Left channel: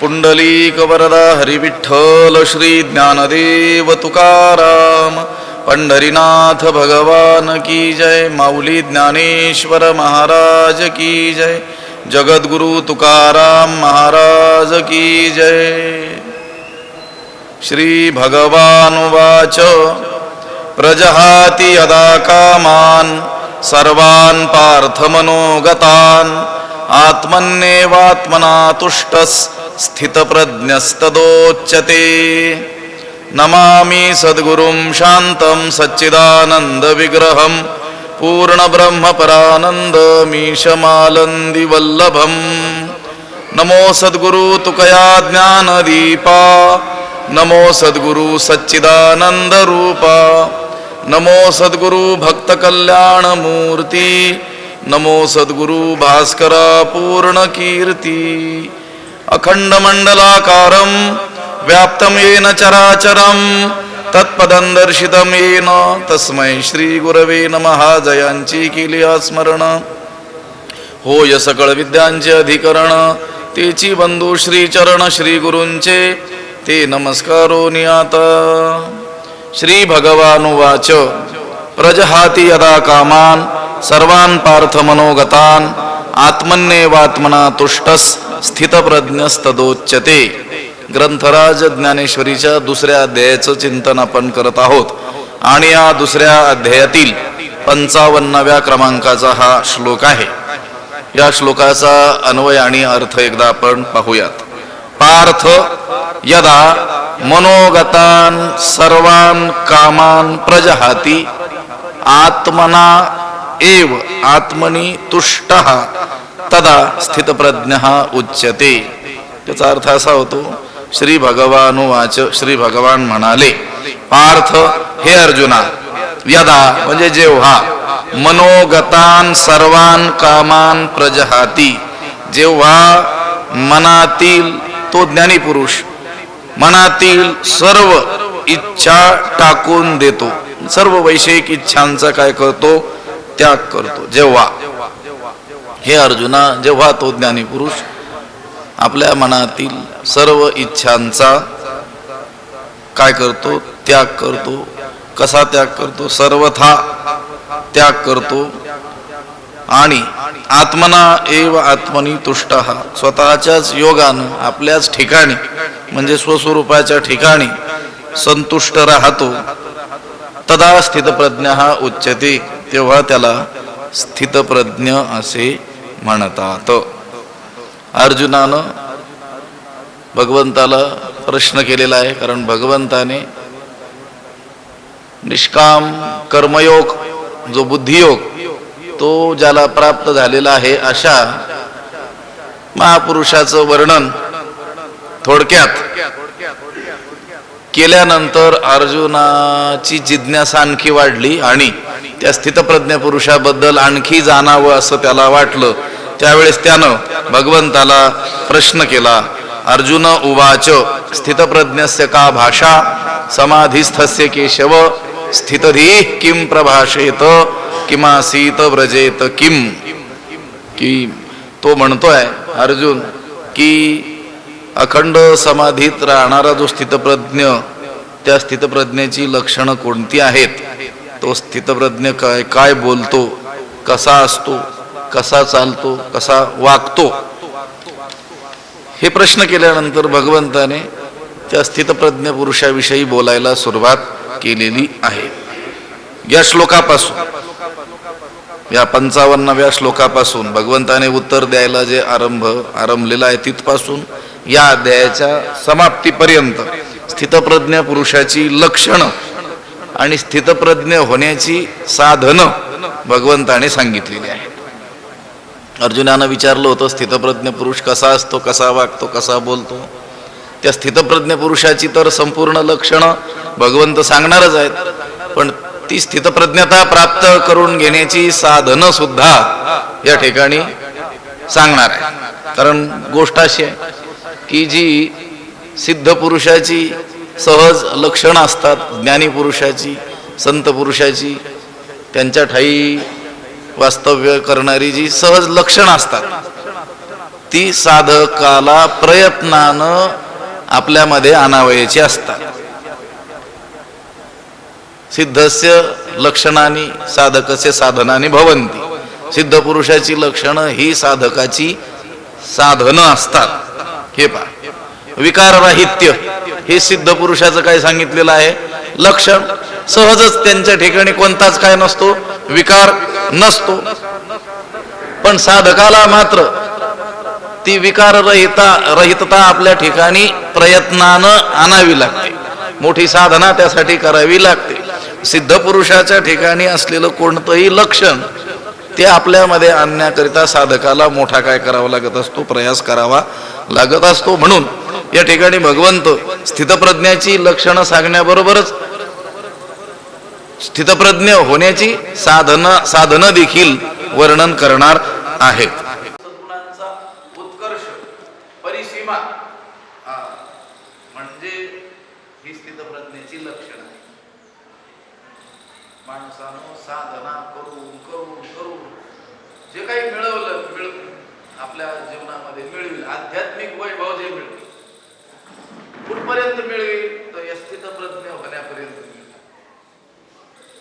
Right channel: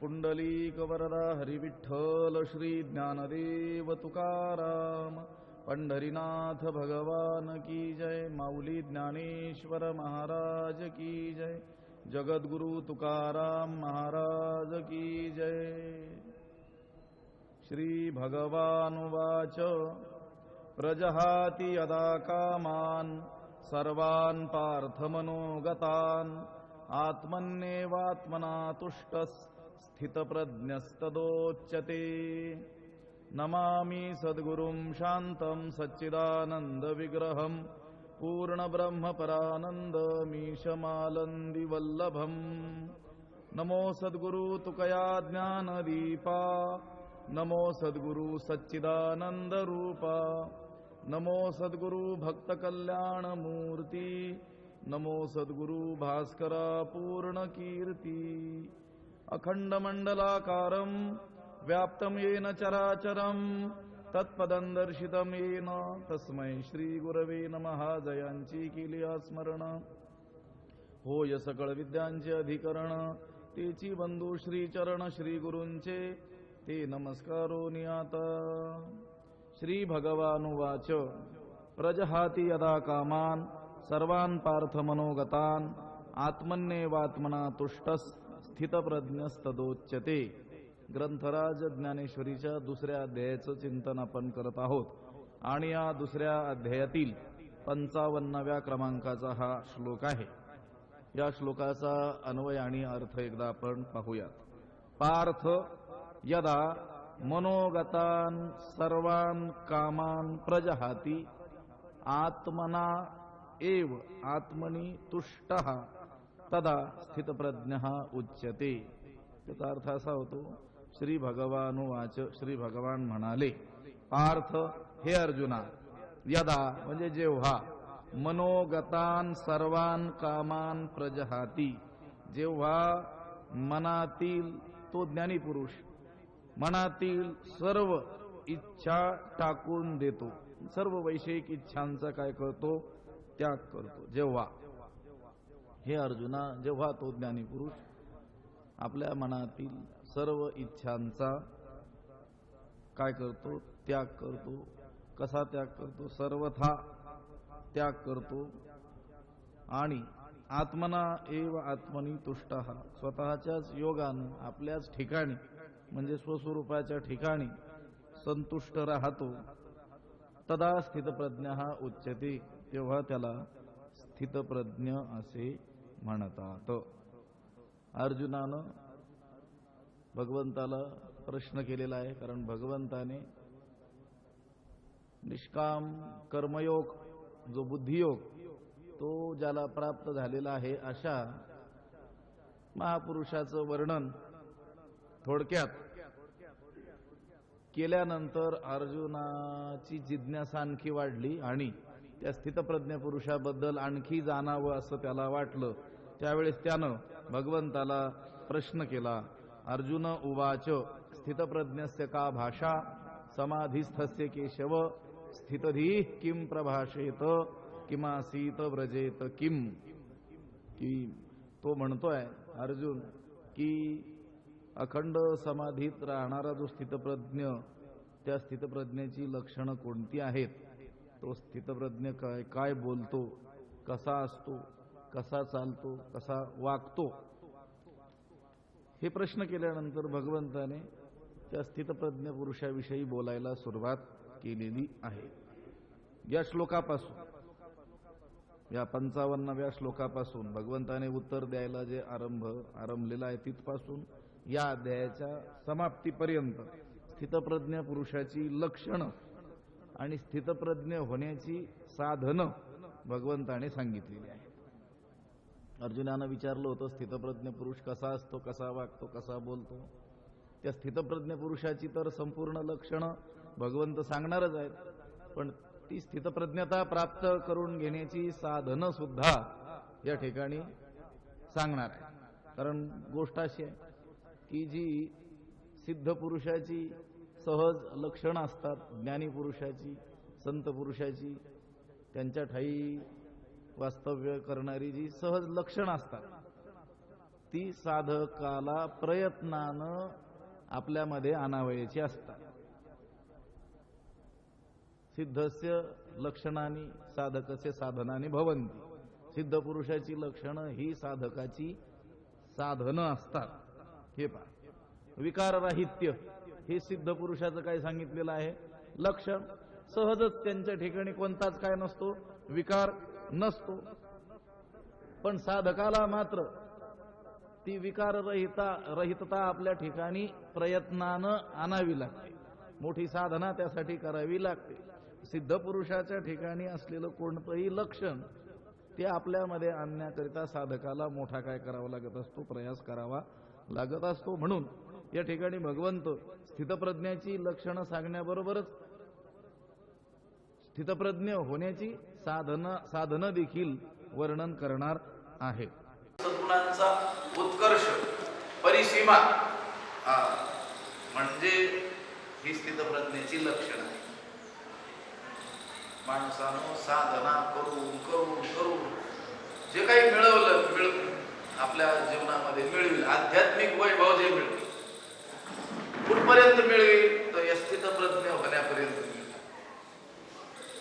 पुंडलीक वरदा हरिविठ्ठल श्री ज्ञानदेव तुकाराम पंढरीनाथ भगवान की जय। माऊली ज्ञानेश्वर महाराज की जय। जगद्गुरु तुकाराम महाराज की जय। श्री भगवानुवाच प्रजहाति यदा कामान् सर्वान् पार्थमनोगतान् आत्मन्येवात्मना तुष्टः स्थितप्रज्ञस्तदोच्यते। नमामि सद्गुरुं शान्तं सच्चिदानन्दविग्रहं पूर्णब्रह्मपरानन्दमीशमालन्दिवल्लभम्। नमो सद्गुरु तुकया ज्ञानदीपा नमो सद्गुरु सच्चिदानन्दरूपा नमो सद्गुरु भक्तकल्याणमूर्ति नमो सद्गुरु भास्करा पूर्णकीर्ति। अखण्डमण्डलाकारं व्याप्तं येन चराचरं तत्पदं दर्शितं येन तस्मै श्रीगुरवे नमः। जयांची केली स्मरण होय सकळ विद्यांचे अधिकरण तेची बंधू श्रीचरण श्रीगुरूंचे ते नमस्कारो नियाता। श्री भगवानुवाच प्रजहाति यदा कामान् सर्वान् पार्थमनोगतान् आत्मन्येवात्मना तुष्टः स्थितप्रज्ञस्तदोच्यते। ग्रंथराज ज्ञानेश्वरीच्या दुसऱ्या अध्यायाचं चिंतन आपण करत आहोत आणि या दुसऱ्या अध्यायातील 55व्या क्रमांकाचा हा श्लोक आहे। या श्लोकाचा अन्वय आणि अर्थ एकदा आपण पाहूयात। पार्थ यदा मनोगतान् सर्वान् कामान् प्रजहाति आत्मना एव आत्मनि तुष्टः तदा स्थितप्रज्ञः उच्यते। त्याचा अर्थ असा होतो श्री भगवानुवाच श्री भगवान म्हणाले पार्थ हे अर्जुना यदा म्हणजे जेव्हा मनोगतान् सर्वान् कामान् प्रजहाति जेव्हा मनातील तो ज्ञानी पुरुष मनातील सर्व इच्छा टाकून देतो सर्व वैषयिक इच्छांचा काय करतो त्याग करतो। जेव्हा हे अर्जुना जेव्हा तो ज्ञानी पुरुष आपल्या मनातील सर्व इच्छांचा काय करतो त्याग करतो। कसा त्याग करतो सर्वथा त्याग करतो आणि आत्मना एव आत्मनी तुष्टः स्वतःच्याच योगानं आपल्याच ठिकाणी म्हणजे स्वस्वरूपाच्या ठिकाणी संतुष्ट राहतो। तदा स्थितप्रज्ञः उच्यते तेव्हा त्याला स्थितप्रज्ञ असे म्हणतात। अर्जुनानं भगवंताला प्रश्न केलेला आहे कारण भगवंताने निष्काम कर्मयोग जो बुद्धियोग तो ज्याला प्राप्त झालेला आहे अशा महापुरुषाचं वर्णन थोडक्यात केल्यानंतर अर्जुनाची जिज्ञासा आणखी वाढली आणि त्या स्थितप्रज्ञ पुरुषाबद्दल आणखी जाणावं असं त्याला वाटलं। त्यावेळेस त्यानं भगवंताला प्रश्न केला। अर्जुन उवाच स्थितप्रज्ञस्य का भाषा समाधिस्थस्य केशव स्थितधीः किं प्रभाषेत किमासीत व्रजेत किम। की तो म्हणतोय अर्जुन की अखंड समाधीत राहणारा जो स्थितप्रज्ञ त्या स्थितप्रज्ञेची लक्षणं कोणती आहेत तो स्थितप्रज्ञ काय काय बोलतो कसा असतो कसा चालतो कसा वागतो हे प्रश्न केल्यानंतर भगवंताने त्या स्थितप्रज्ञ पुरुषाविषयी बोलायला सुरुवात केलेली आहे। या श्लोकापासून या 55व्या श्लोकापासून भगवंताने उत्तर द्यायला जे आरंभलेला आहे तिथपासून या अध्यायाच्या समाप्तीपर्यंत स्थितप्रज्ञ पुरुषाची लक्षणं आणि स्थितप्रज्ञ होण्याची साधनं भगवंताने सांगितलेली आहे। अर्जुनानं विचारलं होतं स्थितप्रज्ञ पुरुष कसा असतो कसा वागतो कसा बोलतो। त्या स्थितप्रज्ञ पुरुषाची तर संपूर्ण लक्षणं भगवंत सांगणारच आहेत पण ती स्थितप्रज्ञता प्राप्त करून घेण्याची साधनं सुद्धा या ठिकाणी सांगणार आहे। कारण गोष्ट अशी आहे की जी सिद्ध पुरुषाची सहज लक्षणं असतात ज्ञानी पुरुषाची संत पुरुषाची त्यांच्या ठाई वास्तव्य करणारी जी सहज लक्षणं असतात ती साधकाला प्रयत्नानं आपल्यामध्ये आणावयाची असतात. सिद्धस्य लक्षणानी साधकस्य साधनानी भवन्ति. सिद्ध पुरुषाची लक्षणं ही साधकाची साधनं असतात. हे पहा, विकारराहित्य हे सिद्ध पुरुषाचं काय सांगितलेलं आहे लक्षण. सहजच त्यांच्या ठिकाणी कोणताच काय नसतो, विकार नसतो. पण साधकाला मात्र ती विकाररहितता आपल्या ठिकाणी प्रयत्नानं आणावी लागते. मोठी साधना त्यासाठी करावी लागते. सिद्ध पुरुषाच्या ठिकाणी असलेलं कोणतंही लक्षण ते आपल्यामध्ये आणण्याकरिता साधकाला मोठा काय करावा लागत असतो, प्रयास करावा लागत असतो. म्हणून या ठिकाणी भगवंत स्थितप्रज्ञाची लक्षणं सांगण्याबरोबरच स्थितप्रज्ञ होण्याची साधनं देखील वर्णन करणार आहेत. सद्गुणांचा उत्कर्ष परिसीमा म्हणजे ही स्थितप्रज्ञेची लक्षण आहे. माणसानं साधना करून करून करून जे काही मिळवलं आपल्या जीवनामध्ये मिळवेल, आध्यात्मिक वैभव जे मिळवेल, कुठपर्यंत मिळवेल तर या स्थितप्रज्ञ होण्यापर्यंत मिळवेल.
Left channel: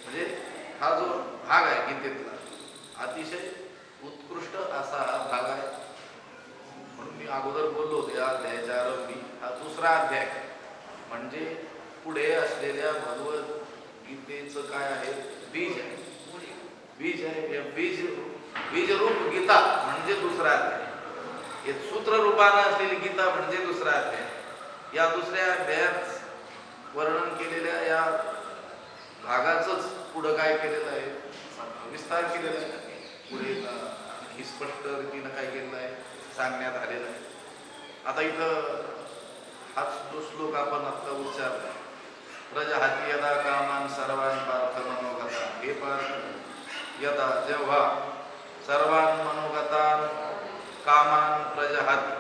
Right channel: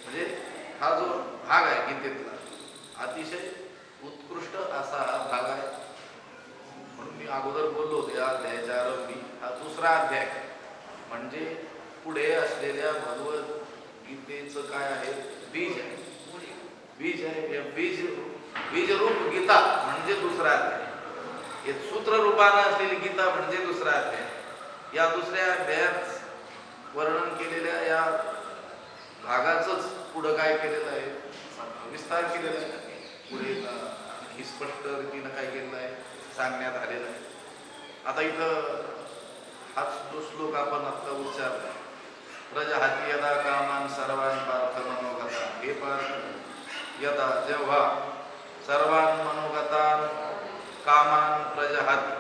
म्हणजे हा जो भाग आहे गीतेतला अतिशय उत्कृष्ट असा हा भाग आहे. म्हणून मी अगोदर बोललो या अध्यायाच्या आरंभी हा दुसरा अध्याय म्हणजे पुढे असलेल्या भगवत गीतेचं काय आहे, बीज आहे. बीज आहे. बीज रूप गीता म्हणजे दुसरा अध्याय. हे सूत्र रूपानं असलेली गीता म्हणजे दुसरा अध्याय. या दुसऱ्या अध्यायात वर्णन केलेल्या या भागाचंच पुढं काय केलेलं आहे, विस्तार केलेला आहे. पुढे ही स्पष्ट रीतीनं काय केलेलं आहे सांगण्यात आलेलं आहे. आता इथं हाच जो श्लोक आपण आता उच्चारला, प्रजहाती यदा कामान सर्वान पार्थ मनोगता. हे पार्थ, यदा जेव्हा सर्वान मनोगतान कामान प्रजहाती,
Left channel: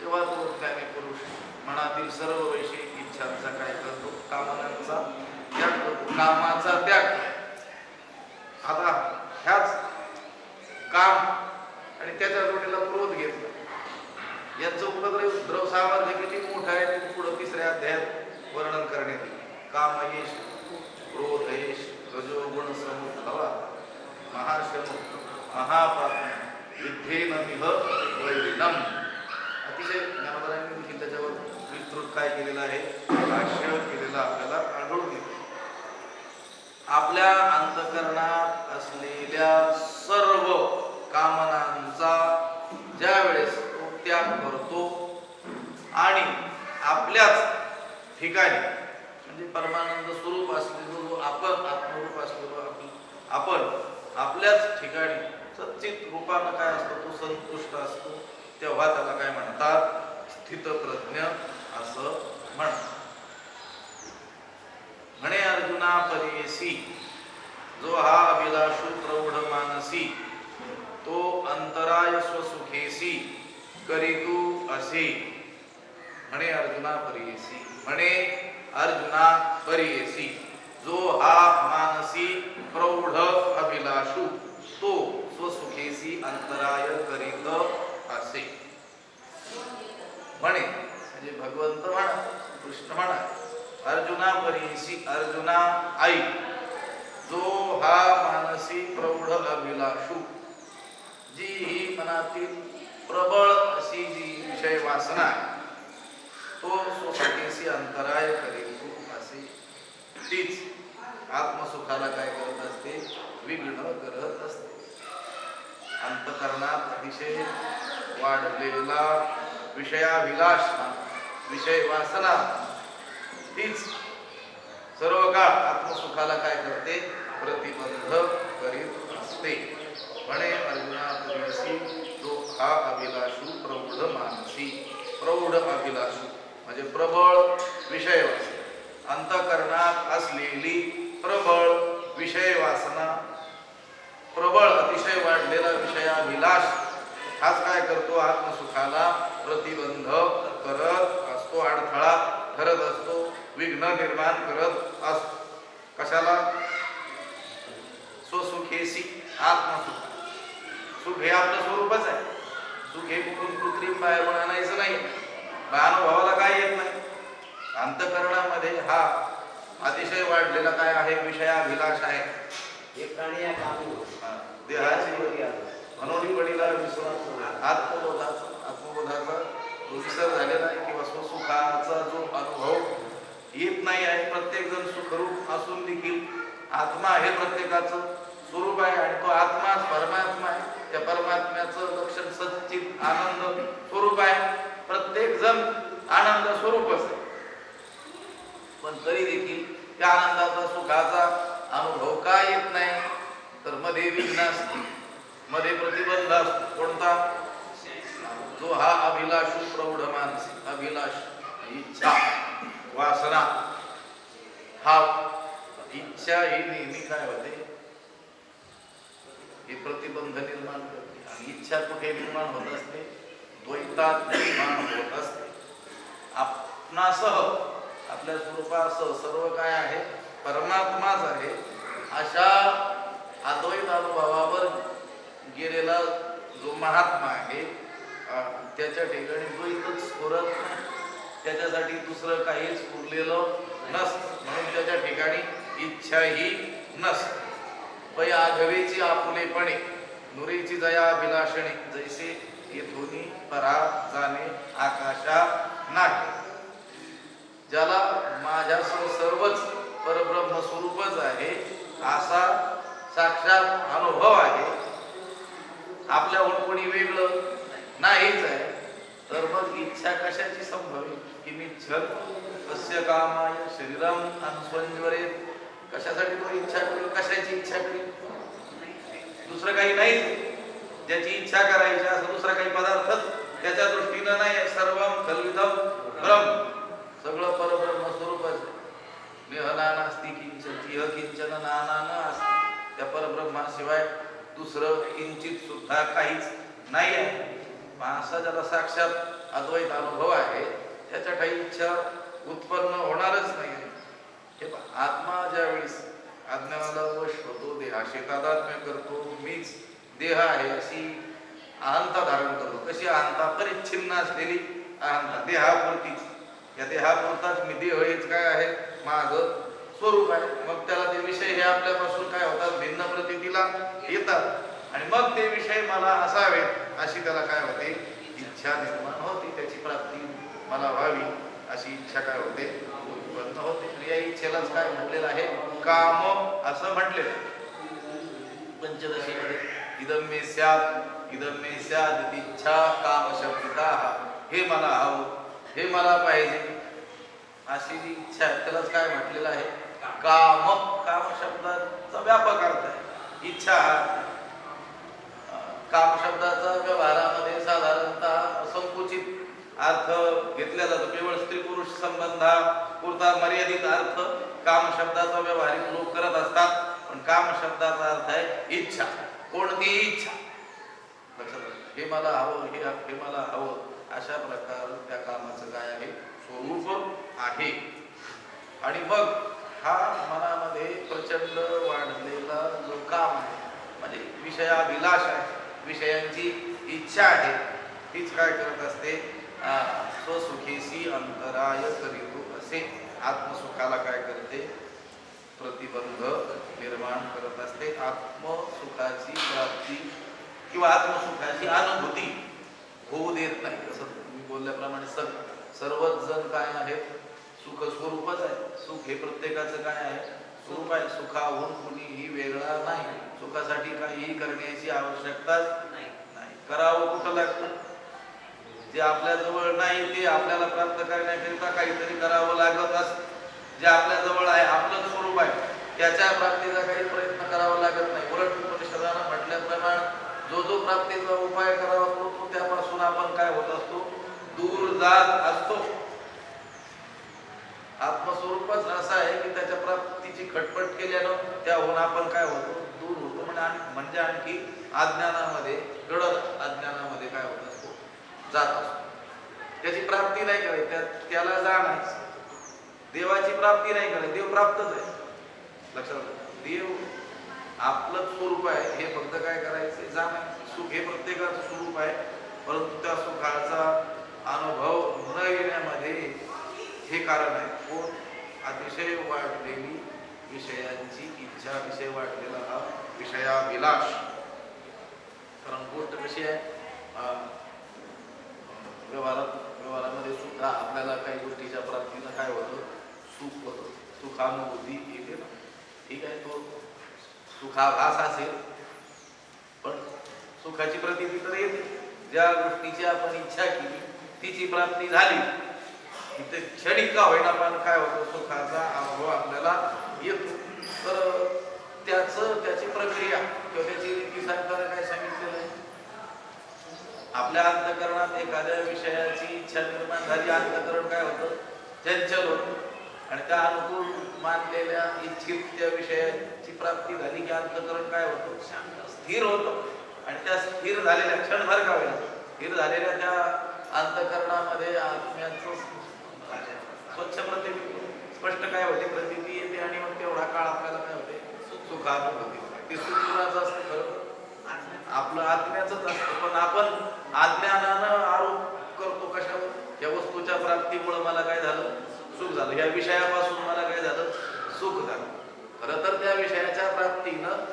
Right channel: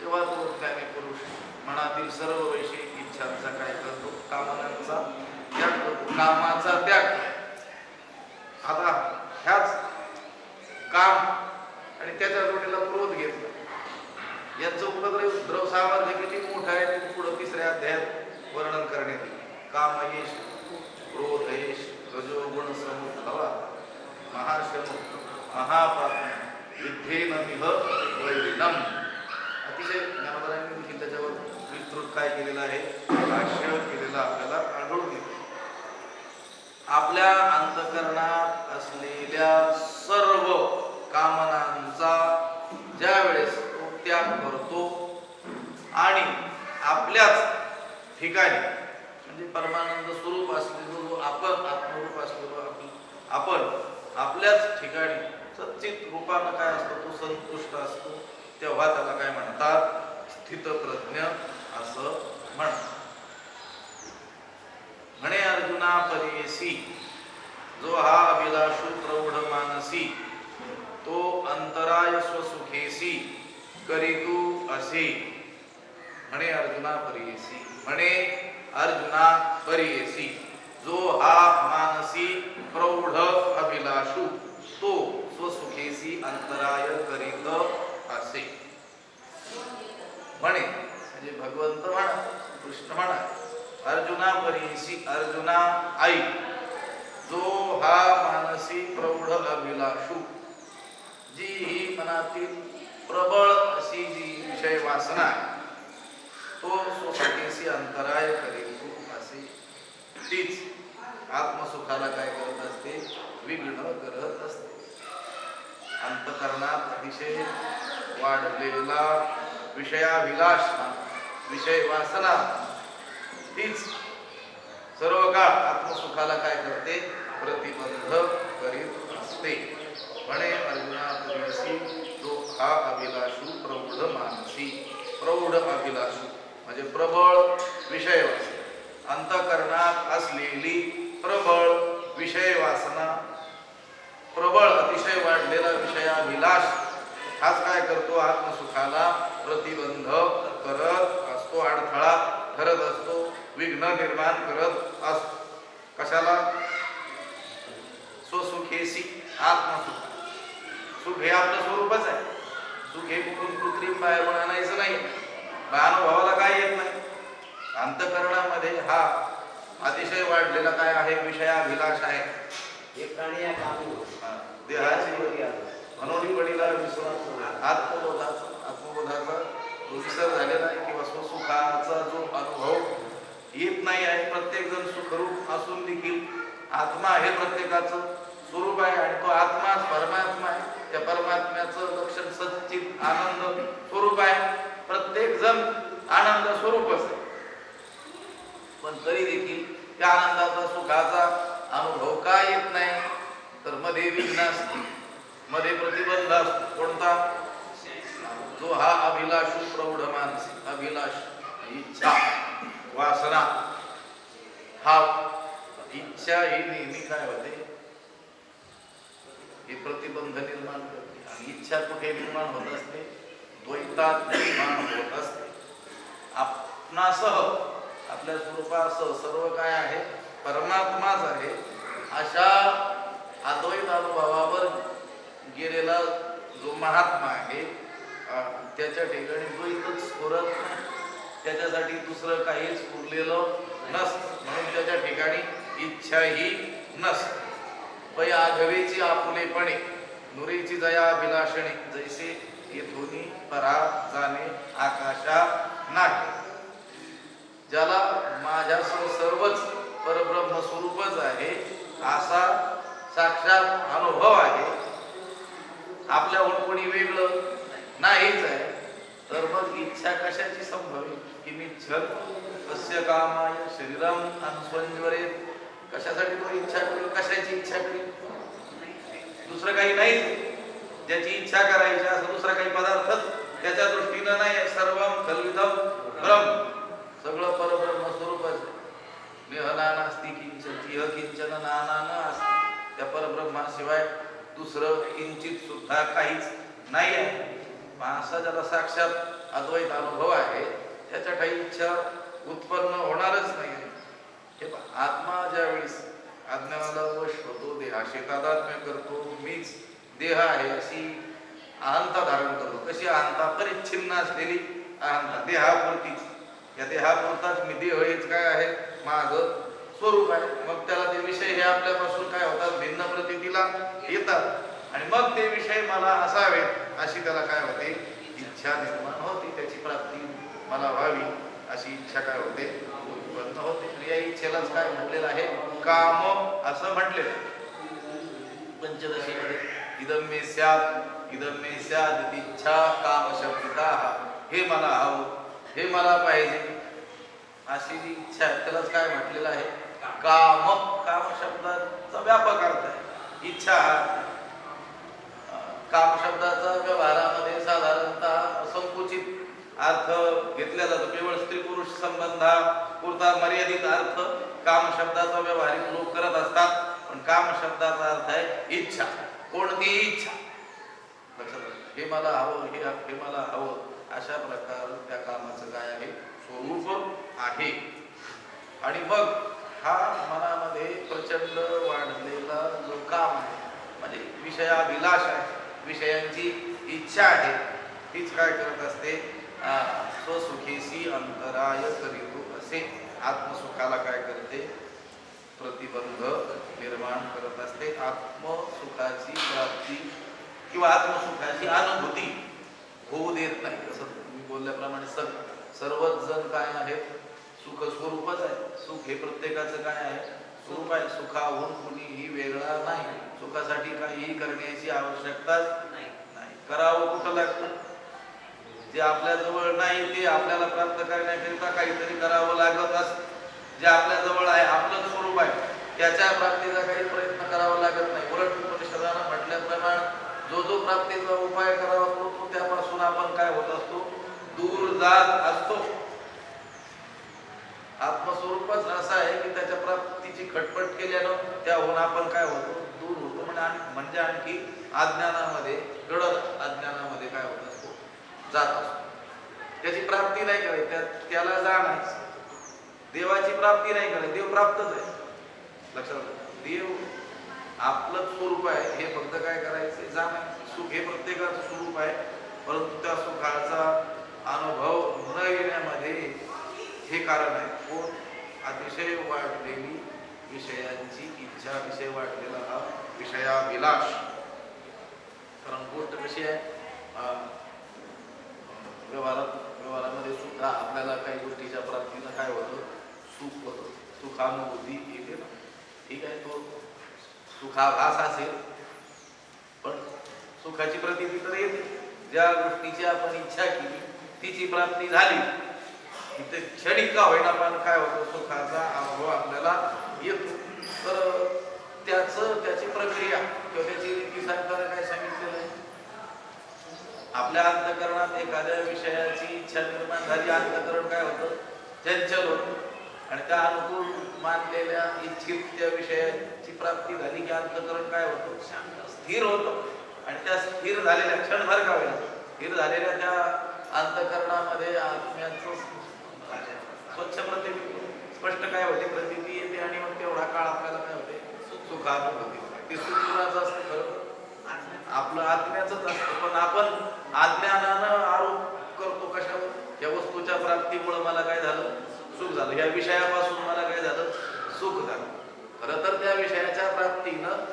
तेव्हा तो त्याने पुरुष मनातील सर्व वैश्विक इच्छांचा काय करतो, कामनांचा त्याग करतो, कामाचा त्याग. आता ह्याच काम आणि त्याच्या जोडीला क्रोध घेतला, यांचं उपद्रव द्रव सामर्थ्य किती मोठं आहे ते पुढं तिसऱ्या अध्यायात वर्णन करण्यात येईल. काम येश, क्रोध येश, रजोगुण समुद्भवा, महाशम महापाप युद्धेन मिह वैरिणम. अतिशय ज्ञानोबरांनी देखील त्याच्यावर विस्तृत काय केलेलं आहे, भाष्य केलेलं आपल्याला आढळून येते. आपल्या अंतःकरणात असलेल्या सर्व कामनांचा ज्या वेळेस तो त्याग करतो आणि आपल्याच ठिकाणी म्हणजे परमानंद स्वरूप असलेलो जो आपण आत्मरूप असलेलो आपण आपल्याच ठिकाणी सच्चित रूपानं काय असतो, तो संतुष्ट असतो. तेव्हा त्याला काय म्हणतात, स्थितप्रज्ञ असं म्हणतात. म्हणे अर्जुना परेसी, जो हा अभिलाषू प्रौढ मानसी, तो अंतराय स्वसुखेसी करीतू असे. म्हणे अर्जुना परेसी, म्हणे अर्जुना परेसी, जो हा मानसी प्रौढ अभिलाषू, तो स्वसुखेसी अंतराय करीत असे. म्हणे म्हणजे भगवंत म्हणा, कृष्ण म्हणा, अर्जुना परेसी, अर्जुना आई, जो हा मानसी प्रौढ अभिलाषू, जी ही मनातील प्रबळ अशी जी विषय वासना आहे, तो स्वसुखेसी अंतराय करीत असे. तीच आत्मसुखाला काय करत असते, विघ्न करत असते. अंतःकरणात अतिशय वाढलेला विषयाभिलाष, विषय वासना, तीच सर्व काळ आत्मसुखाला काय करते, प्रतिबंध करीत असते. म्हणे अर्जुना परेसी, जो हा अभिलाषू प्रौढ मानसी, प्रौढ अभिलाषू म्हणजे प्रबळ विषय वासना, अंतःकरणात असलेली प्रबळ विषय वासना, प्रबळ अतिशय वाढलेला विषयाभिलाष, हाच काय करतो, आत्मसुखाला प्रतिबंध करत असतो, अडथळा ठरत असतो, विघ्न निर्माण करत असतो. कशाला, स्वसुखेसी, आत्मसुख. सुख हे आपलं स्वरूपच आहे. सुख हे कुठून कृत्रिम बाहेरून आणायचं नाही. अनुभवाला काय येत नाही. अंतःकरणामध्ये हा अतिशय वाढलेला काय आहे, विषयाभिलाष आहे. देहाची मनोनिवडीला आत्मबोधाचा विसर झालेला आहे किंवा स्वसुखाचा जो अनुभव येत नाही आहे. प्रत्येक जण सुखरूप असून देखील आत्मा हे प्रत्येकाचं स्वरूप आहे आणि तो आत्माच परमात्मा आहे. त्या परमात्म्याचं लक्षण सच्चित आनंद स्वरूप आहे. प्रत्येक जण आनंद स्वरूपच आहे, पण तरी देखील त्या आनंदाचा सुखाचा अनुभव का येत नाही, तर मध्ये विघ्न असते, मध्ये प्रतिबंध असतो. कोणता? जो हा अभिलाषू प्रौढ मानसिक अभिलाष, इच्छा, वासना. हा इच्छा ही नेहमी काय होते, हे प्रतिबंध निर्माण करते. आणि इच्छा कुठे निर्माण होत असते? द्वैतात निर्माण होत असते. आपणासह, आपल्या स्वरूपासह सर्व काय आहे, परमात्माच आहे. अशा अद्वैत अनुभवावर गेलेला जो महात्मा आहे त्याच्या ठिकाणी द्वैतच स्फुरत नाही. त्याच्यासाठी दुसरं काहीच उरलेलं नसतं. म्हणून त्याच्या ठिकाणी इच्छाही नसते. पै आघवेची आपुलेपणे नुरेची जया अभिलाषणे, जैसे येथून परा जाणे आकाशा नाही. ज्याला माझ्यासह सर्वच परब्रह्म स्वरूपच आहे असा साक्षात अनुभव आहे, आपल्याहून कोणी वेगळं नाहीच आहे, तर मग इच्छा कशाची संभवी? किमिच्छल कस्य कामाय शरीरम अनुस्वंजरेत. कशासाठी तो इच्छा करेल? कशाची इच्छा करेल? दुसरं काही नाही. ज्याची इच्छा करायची असं दुसरा काही पदार्थच त्याच्या दृष्टीनं नाही. सर्वम खल्विदम ब्रह्म, सगळं परब्रह्म स्वरूपच आहे. नेहना नास्ति किंचन इह किंचन नाना न अस्ति. त्या परब्रह्माशिवाय दुसरं किंचित सुद्धा काहीच नाही आहे. असा ज्याला साक्षात अद्वैत अनुभव आहे त्याच्या काही इच्छा उत्पन्न होणारच नाही. हे आत्मा ज्या वेळेस अज्ञानाला वश होतो, देहाशी तादात्म्य करतो, मीच देह आहे अशी अहंता धारण करतो. कशी अहंता? परिच्छिन्न असलेली अहंता, देहापुरतीच. या देहापुरताच मी देह हेच काय आहे, माझं स्वरूप आहे. मग त्याला ते विषय हे आपल्यापासून काय होतात, भिन्न प्रतीला येतात आणि मग ते विषय मला असावेत अशी त्याला काय होते, इच्छा निर्माण होती. त्याची प्राप्ती मला व्हावी अशी इच्छा काय होते, उत्पन्न होते. या इच्छेलाच काय म्हटलेलं आहे, काम असं म्हटलेलं पंचदशीमध्ये. इदम मे स्यात् इदम मे स्यात् इच्छा काम शब्दिता. हे मला हवं, हे मला पाहिजे अशी जी इच्छा आहे त्यालाच काय म्हटलेलं आहे, काम. काम शब्दाचा व्यापक अर्थ आहे. इच्छा काम शब्दाचा व्यवहारामध्ये साधारणतः संकुचित अर्थ घेतला जातो. केवळ स्त्री पुरुष संबंधापुरता मर्यादित अर्थ काम शब्दाचा व्यवहारिक लोक करत असतात. पण काम शब्दाचा अर्थ आहे इच्छा. कोणतीही इच्छा. लक्षात, हे मला हवं, हे मला हवं अशा प्रकार त्या कामाचं काय आहे, स्वरूप आहे. आणि मग हा मनामध्ये प्रचंड वाढलेला जो काम आहे, म्हणजे विषयाभिलाष आहे, विषयांची इच्छा आहे, तीच काय करत असते, स्वसुखेशी अंतराय करीतो असे आत्मसुखाला काय करते, प्रतिबंध निर्माण करत असते. आत्मसुखाची प्राप्ती किंवा आत्मसुखाची अनुभूती होऊ देत नाही. असं तुम्ही बोलल्याप्रमाणे सर्वच जण काय आहेत, सुख स्वरूपच आहे. सुख हे प्रत्येकाचं काय आहे, स्वरूप आहे. सुखाहून कुणीही वेगळा नाही. सुखासाठी काहीही करण्याची आवश्यकता नाही. करावं कुठं लागतं, जे आपल्या जवळ नाही ते आपल्याला प्राप्त करण्याकरिता काहीतरी करावं लागत असतं. जे आपल्या जवळ आहे, आपलं स्वरूप आहे, त्याच्या प्राप्तीचा काही प्रयत्न करावा लागत नाही. उलट उपनिषदानं म्हटल्याप्रमाणे जो जो प्राप्तीचा उपाय करावा तो त्यापासून आपण काय होत असतो, दूर जात असतो. आत्मस्वरूपच असं आहे की त्याच्या प्राप्तीची खटपट केल्यानं त्याहून आपण काय होतो, दूर होतो. म्हणजे आणखी अज्ञानामध्ये गडद अज्ञानामध्ये काय होत असतो, जात असतो. त्याची प्राप्ती नाही करायची, त्याला जाणायचं. देवाची प्राप्ती नाही करायची, देव प्राप्तच आहे. लक्षात, देव आपलं स्वरूप आहे, हे फक्त काय करायचं, जाणायचं. सुख हे प्रत्येकाचं स्वरूप आहे, परंतु त्या सुखाचा अनुभव न येण्यामध्ये हे कारण आहे. कोण? अतिशय वाढलेली विषयांची इच्छा, विषय वाढलेला हा विषयाभिलाष. कारण गोष्ट कशी आहे, व्यवहारामध्ये सुद्धा आपल्याला काही गोष्टीच्या प्राप्तीनं काय होतं, सुख होतं, सुखानुभूती येते ना. ठीक आहे, तो सुखाभास असेल पण सुखाची प्रतीती तर येते. ज्या गोष्टीची आपण इच्छा केली तिची प्राप्ती झाली तिथे क्षणिक का होईना पण काय होतं, सुखाचा अनुभव आपल्याला येतो. तर त्याची प्रक्रिया किंवा त्याची रीती सांगताना काय सांगितलेलं आहे, आपल्या अंतःकरणात एखाद्या विषयाची इच्छा निर्माण झाली, अंतःकरण काय होतं, चंचल होतं. आणि त्या अनुकूल मानलेल्या इच्छित त्या विषयाची प्राप्ती झाली की अंतःकरण काय होतं, स्थिर होतं. आणि त्या स्थिर झालेल्या क्षणभर का होईल, स्थिर झालेल्या त्या अंतःकरणामध्ये आत्म्याचं स्वच्छ प्रतिबिंब स्पष्ट काय होते, प्रतिती येते. आणि मग तेवढा काळ आपल्याला काय होते, सुखानुभूती. ती सुखाचं असतं खरं, आपलं आत्म्याच असतं. पण आपण अज्ञानानं आरोप करतो कशावर, या वस्तूच्या प्राप्तीमुळे मला काय झालं, सुख झालं, या विषयापासून मला काय झालं, सुख झालं. खरं तर त्या विषयाच्या प्राप्तीनं,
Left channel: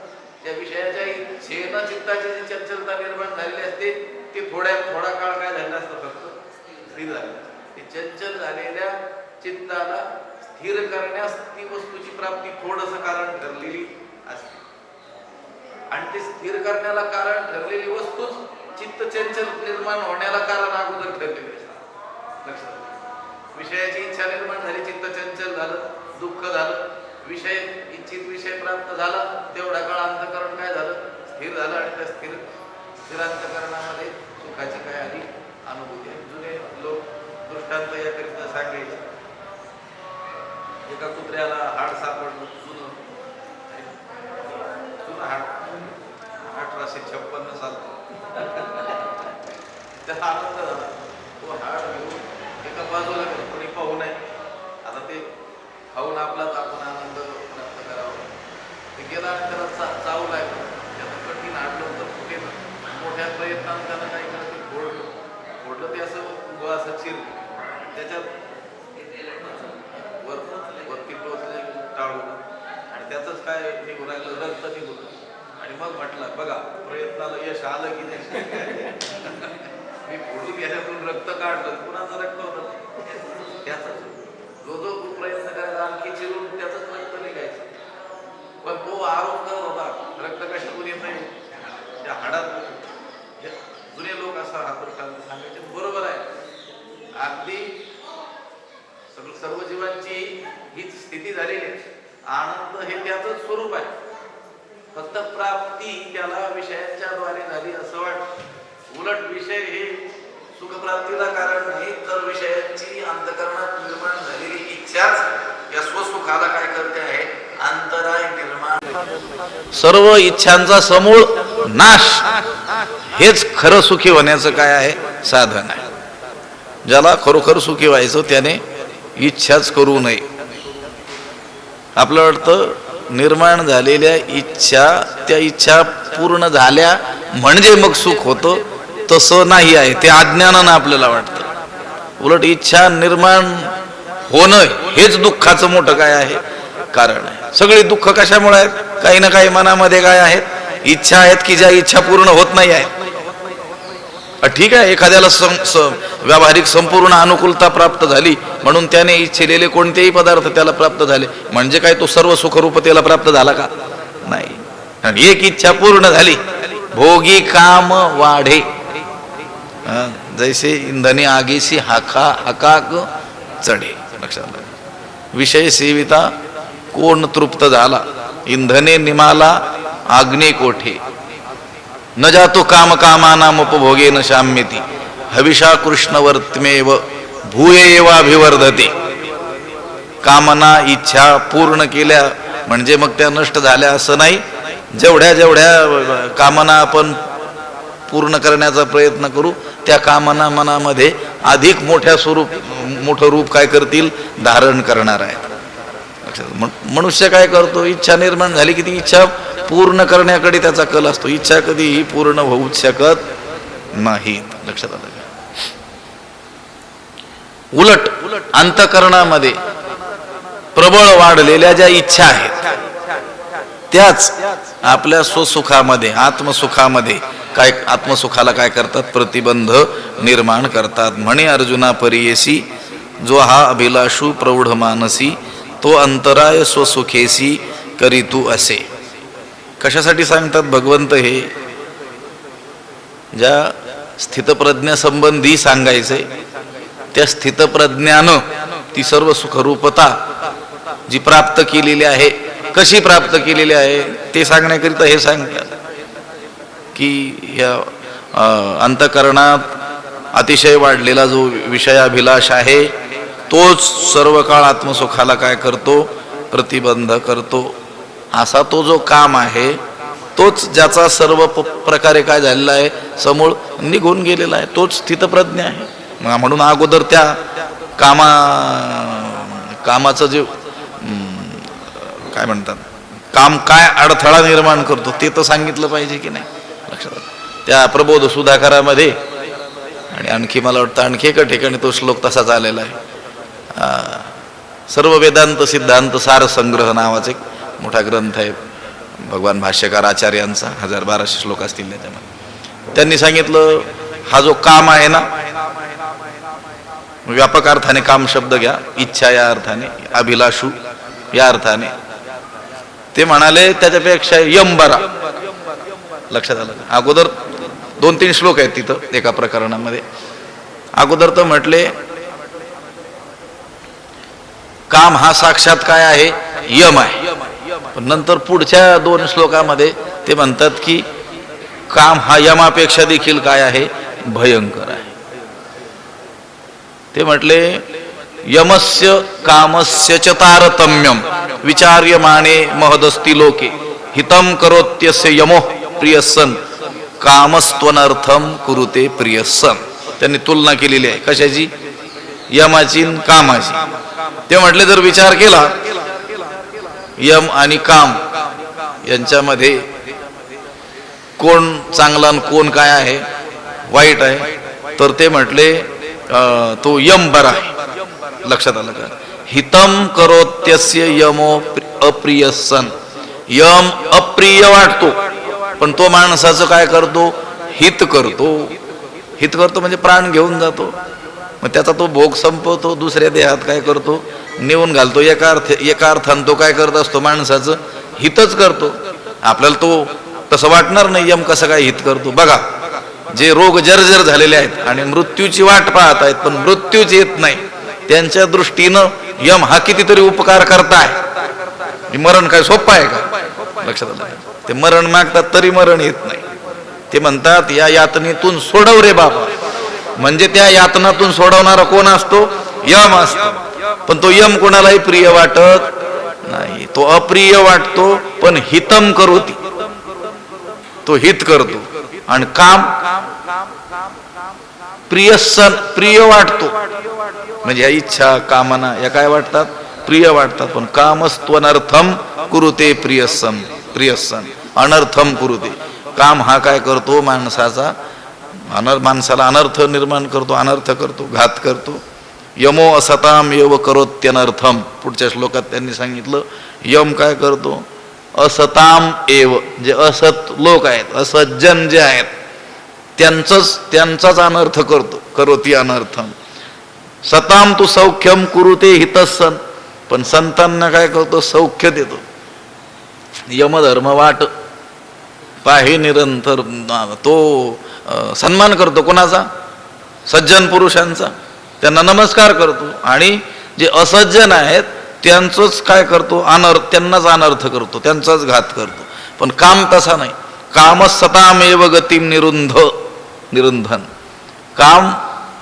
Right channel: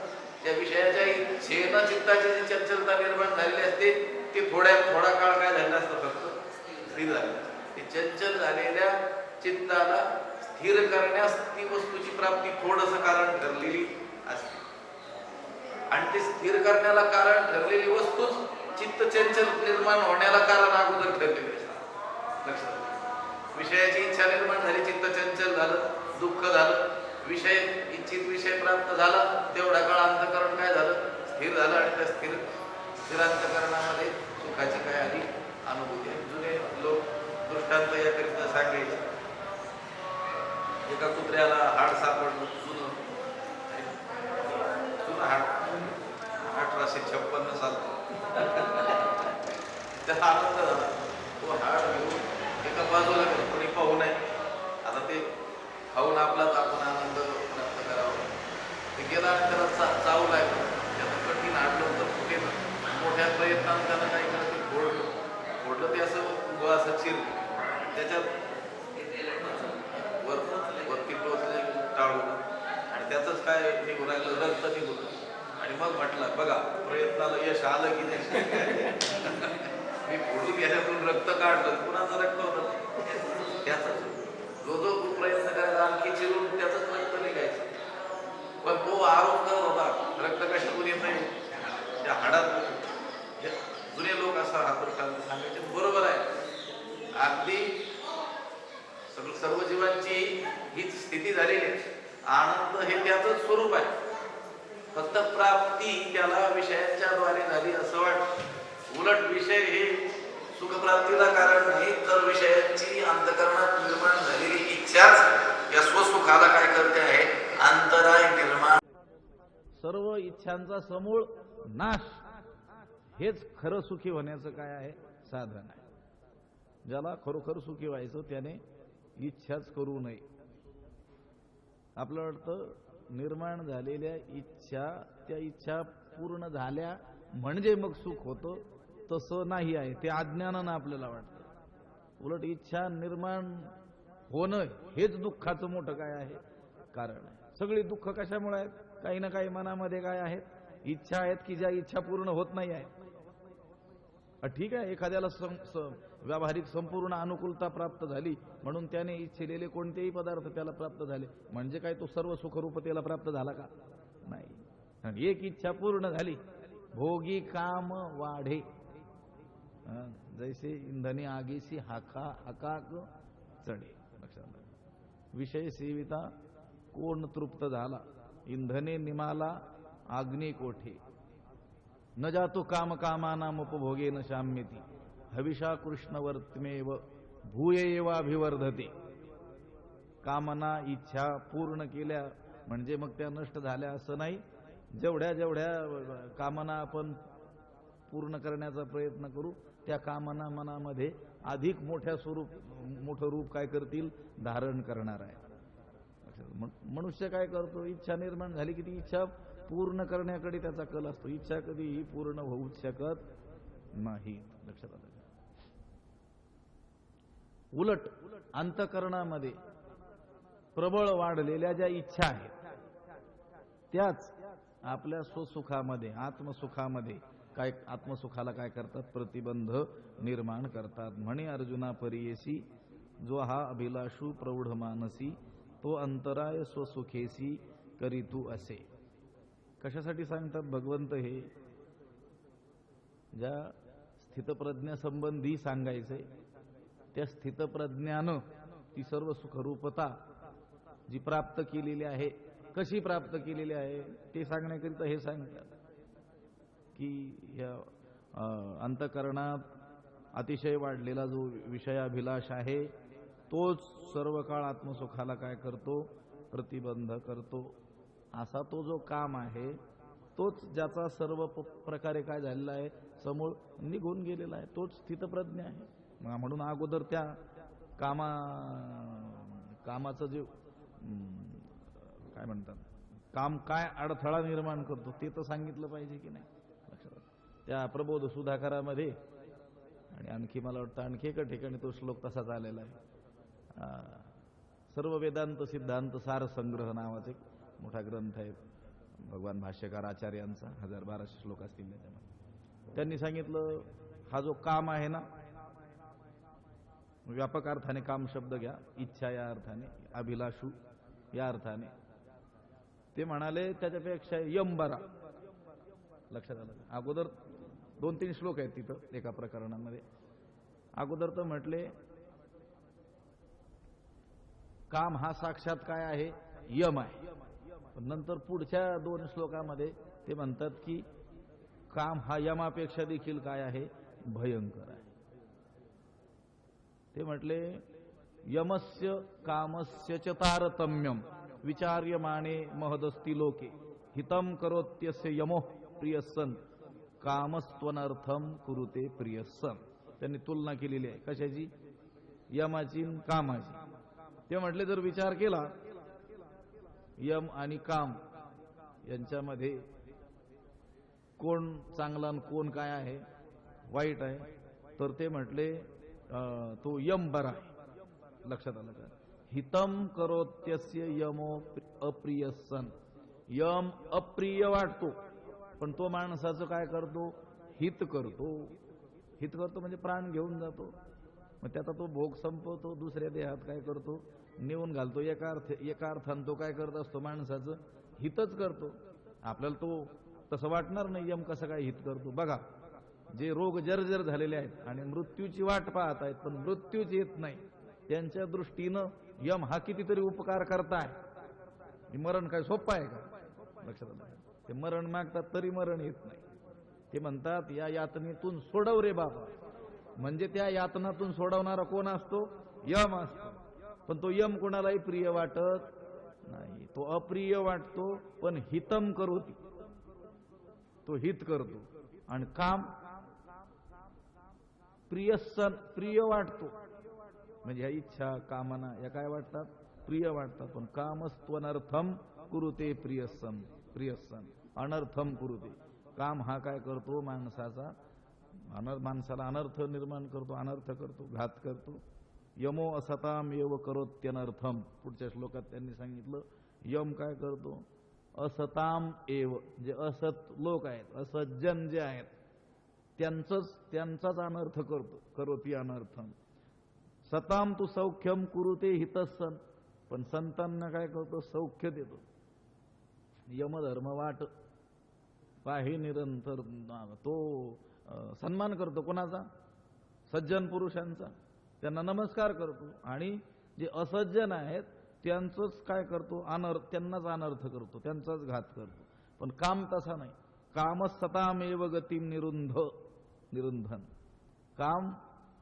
त्या विषयाच्या इच्छेनं चित्ताची जी चंचलता निर्माण झालेली असते ती थोडा काळ काय झालेला असतं, फक्त स्थिर झालं. ते चंचल झालेल्या चित्ताला स्थिर करण्यास ती वस्तूची प्राप्ती थोडंसं कारण ठरलेली असते. आणि ते स्थिर करण्याला कारण ठरलेली वस्तूच चित्त चंचल निर्माण होण्याला कारण अगोदर ठरलेली असते. लक्षात, विषयाची इच्छा निर्माण झाली, चित्त चंचल झालं, दुःख झालं, विषय इच्छित विषय प्राप्त झाला, तेवढा काळ अंतःकरण काय झालं, स्थिर झालं. आणि त्या स्थिर अंतःकरणामध्ये सुखाची काय आली, अनुभूती. जुने लोक दृष्टांत याकरिता सांगायचे. एका कुत्र्याला हाड सापडलं, जुनं हाड, 1856 साल. त्याला आनंद झाला. तो हाड घेऊन एका बाजूला कोणी पाहू नये, आता ते खाऊन आपलाच आपण आनंद प्राप्त करावा. ते गेला आणि त्याला चावू लागलं. त्याचं कठीण हाडलं तर कुठे मोठ्या प्रयत्नानं त्यानं काय केलं, ते फोडलं. ते असं चिरलं, त्याच्यात वरती टोचलं, टाळून, आणि त्याचंच काय निघू लागलं, रक्त निघून. आणि मग म्हटलं, बघा प्रयत्नाला यश आलं की नाही. मी फोडून गेल्यातून रक्त काढलं, कुणाचं रक्त होतं, त्याच. जो प्रयत्न करायचा आणखी चिरून त्याचंच रक्त निघायचं. पण तो आरोप करत होता रक्त कशातून येत नाही, त्या हाडात. जुने लोक असा हा दृष्टांत सांगायचे. बरोबर आहे, अगदी सर्व जीवांची हीच स्थिती झालेली आहे. आनंद हे त्याचंच स्वरूप आहे, फक्त प्राप्ती त्याला विषयांच्या द्वारे झाली असं वाटतं. उलट विषय हे सुखप्राप्तीला कारण नाही, तर विषयांची अंतःकरणात निर्माण झालेली इच्छाच या स्वसुखाला काय करते आहे, अंतराय निर्माण. सर्व इच्छांचा समूळ नाश हेच खरं सुखी होण्याचं काय आहे, साधन आहे. ज्याला खरोखर सुखी व्हायचं त्याने इच्छाच करू नये. आपलं वाटतं निर्माण झालेल्या इच्छा, त्या इच्छा पूर्ण झाल्या म्हणजे मग सुख होतं, तसं नाही आहे. ते अज्ञानानं आपल्याला वाटतं. उलट इच्छा निर्माण होणं हेच दुःखाचं मोठं काय आहे, कारण आहे. सगळी दुःख कशामुळे आहेत, काही ना काही मनामध्ये काय आहेत, इच्छा आहेत की ज्या इच्छा पूर्ण होत नाही आहेत. ठीक आहे, एखाद्याला व्यावहारिक संपूर्ण अनुकूलता प्राप्त झाली म्हणून त्याने इच्छिलेले कोणतेही पदार्थ त्याला प्राप्त झाले म्हणजे काय तो सर्व सुखरूप त्याला प्राप्त झाला का, नाही. आणि एक इच्छा पूर्ण झाली, भोगी काम वाढे, जैसे इंधने आगीसी हाकाक चढे. लक्षात, विषय सेविता कोण तृप्त झाला, इंधने निमाला आग्ने कोठे, न जातो काम कामानाम उपभोगे न शाम्यती, हविषा कृष्णवर्तमेव भूयेवाभिवर्धते. कामना इच्छा पूर्ण केल्या म्हणजे मग त्या नष्ट झाल्या असं नाही. जेवढ्या जेवढ्या कामना आपण पूर्ण करण्याचा प्रयत्न करू त्या कामना मनामध्ये अधिक मोठं रूप काय करतील, धारण करणार आहे. मनुष्य काय करतो, इच्छा निर्माण झाली की ती इच्छा पूर्ण करण्याकडे त्याचा कल असतो. इच्छा कधीही पूर्ण होऊच शकत नाही. लक्षात आलं का? उलट अंतःकरणामध्ये प्रबळ वाढलेल्या ज्या इच्छा आहेत त्याच आपल्या स्वसुखामध्ये आत्मसुखामध्ये काय आत्मसुखाला काय करतात? प्रतिबंध निर्माण करतात. म्हणे अर्जुना परियेसी जो हा अभिलाषू प्रौढ मानसी तो अंतराय स्वसुखेसी करी तू असे. कशासाठी सांगतात भगवंत हे? ज्या स्थितप्रज्ञासंबंधी सांगायचे त्या स्थितप्रज्ञानं ती सर्व सुखरूपता जी प्राप्त केलेली आहे, कशी प्राप्त केलेली आहे ते सांगण्याकरिता हे सांगतात की या अंतःकरणात अतिशय वाढलेला जो विषयाभिलाष आहे तोच सर्व काळ आत्मसुखाला काय करतो? प्रतिबंध करतो. असा तो जो काम आहे तोच ज्याचा सर्व प्रकारे काय झालेला आहे? समूळ निघून गेलेला आहे. तोच स्थितप्रज्ञ आहे. म्हणून अगोदर त्या कामाचं जे काय म्हणतात, काम काय अडथळा निर्माण करतो ते तर सांगितलं पाहिजे की नाही? लक्षात त्या प्रबोध सुधाकरामध्ये आणि आणखी मला वाटतं आणखी एका ठिकाणी तो श्लोक तसाच आलेला आहे. सर्व वेदांत सिद्धांत सार संग्रह नावाचा एक मोठा ग्रंथ आहे भगवान भाष्यकार आचार्यांचा, 1200 श्लोक असतील त्याच्यामध्ये. त्यांनी सांगितलं हा जो काम आहे ना, व्यापक अर्थाने काम शब्द घ्या, इच्छा या अर्थाने, अभिलाषू या अर्थाने, ते म्हणाले त्याच्यापेक्षा यम बरा. लक्षात आलं? अगोदर 2-3 श्लोक आहेत तिथं एका प्रकरणामध्ये. अगोदर तर म्हटले काम हा साक्षात काय आहे? यम आहे. पण नंतर पुढच्या 2 श्लोकामध्ये ते म्हणतात की काम हा यमापेक्षा देखील काय आहे? भयंकर आहे. ते म्हटले यमस्य कामस्य च तारतम्यम विचार्यमाणे महदस्ति लोके हितम करोत्यस्य यमो प्रियसन कामस्त्वनर्थम कुरुते प्रियसन. त्यांनी तुलना केलेली आहे कशाची? यमाची कामाची. ते म्हटले जर विचार केला यम आणि काम यांच्यामध्ये कोण चांगला आणि कोण काय आहे? वाईट आहे. तर ते म्हटले तो यम बरा आहे. लक्षात आलं का? हितम करोत्यस्य यमो अप्रियसन. यम अप्रिय वाटतो पण तो माणसाचं काय करतो? हित करतो. हित करतो म्हणजे प्राण घेऊन जातो. मग त्याचा तो भोग संपवतो, दुसऱ्या देहात काय करतो? नेऊन घालतो. एका अर्थानं तो काय करत असतो? माणसाचं हितच करतो. आपल्याला तो तसं वाटणार नाही यम कसं काय हित करतो. बघा, जे रोग जर्जर झालेले आहेत आणि मृत्यूची वाट पाहत आहेत पण मृत्यूच येत नाही, त्यांच्या दृष्टीनं यम हा कितीतरी उपकार करताय. मरण काय सोपं आहे का? लक्षात आलं? ते मरण मागतात तरी मरण येत नाही. ते म्हणतात या यातनेतून सोडव रे बाबा. म्हणजे त्या यातनातून सोडवणारा कोण असतो? यम असतो. पण तो यम कोणालाही प्रिय वाटत नाही. तो अप्रिय वाटतो पण हितम करोती, तो हित करतो. आणि काम प्रिय वाटतो म्हणजे या इच्छा कामना या काय वाटतात? प्रिय वाटतात. पण कामस्त्वनर्थम कुरुते प्रियसन अनर्थम कुरुते. काम हा काय करतो? माणसाला अनर्थ निर्माण करतो, अनर्थ करतो, घात करतो. यमो असताम एव करोत्यनर्थम. पुढच्या श्लोकात त्यांनी सांगितलं यम काय करतो? असताम एव, जे असत लोक आहेत, असज्जन जे आहेत त्यांचाच अनर्थ करतो. करोती अनर्थम. सताम तू सौख्यम कुरुते हितसन. पण संतांना काय करतो? सौख्य देतो. यमधर्म वाट पाहे निरंतर. तो सन्मान करतो कोणाचा? सज्जन पुरुषांचा. त्यांना नमस्कार करतो. आणि जे असज्जन आहेत त्यांचंच काय करतो? त्यांनाच अनर्थ करतो, त्यांचाच घात करतो. पण काम तसा नाही. काम सतामेव गतिम निरुंधन. काम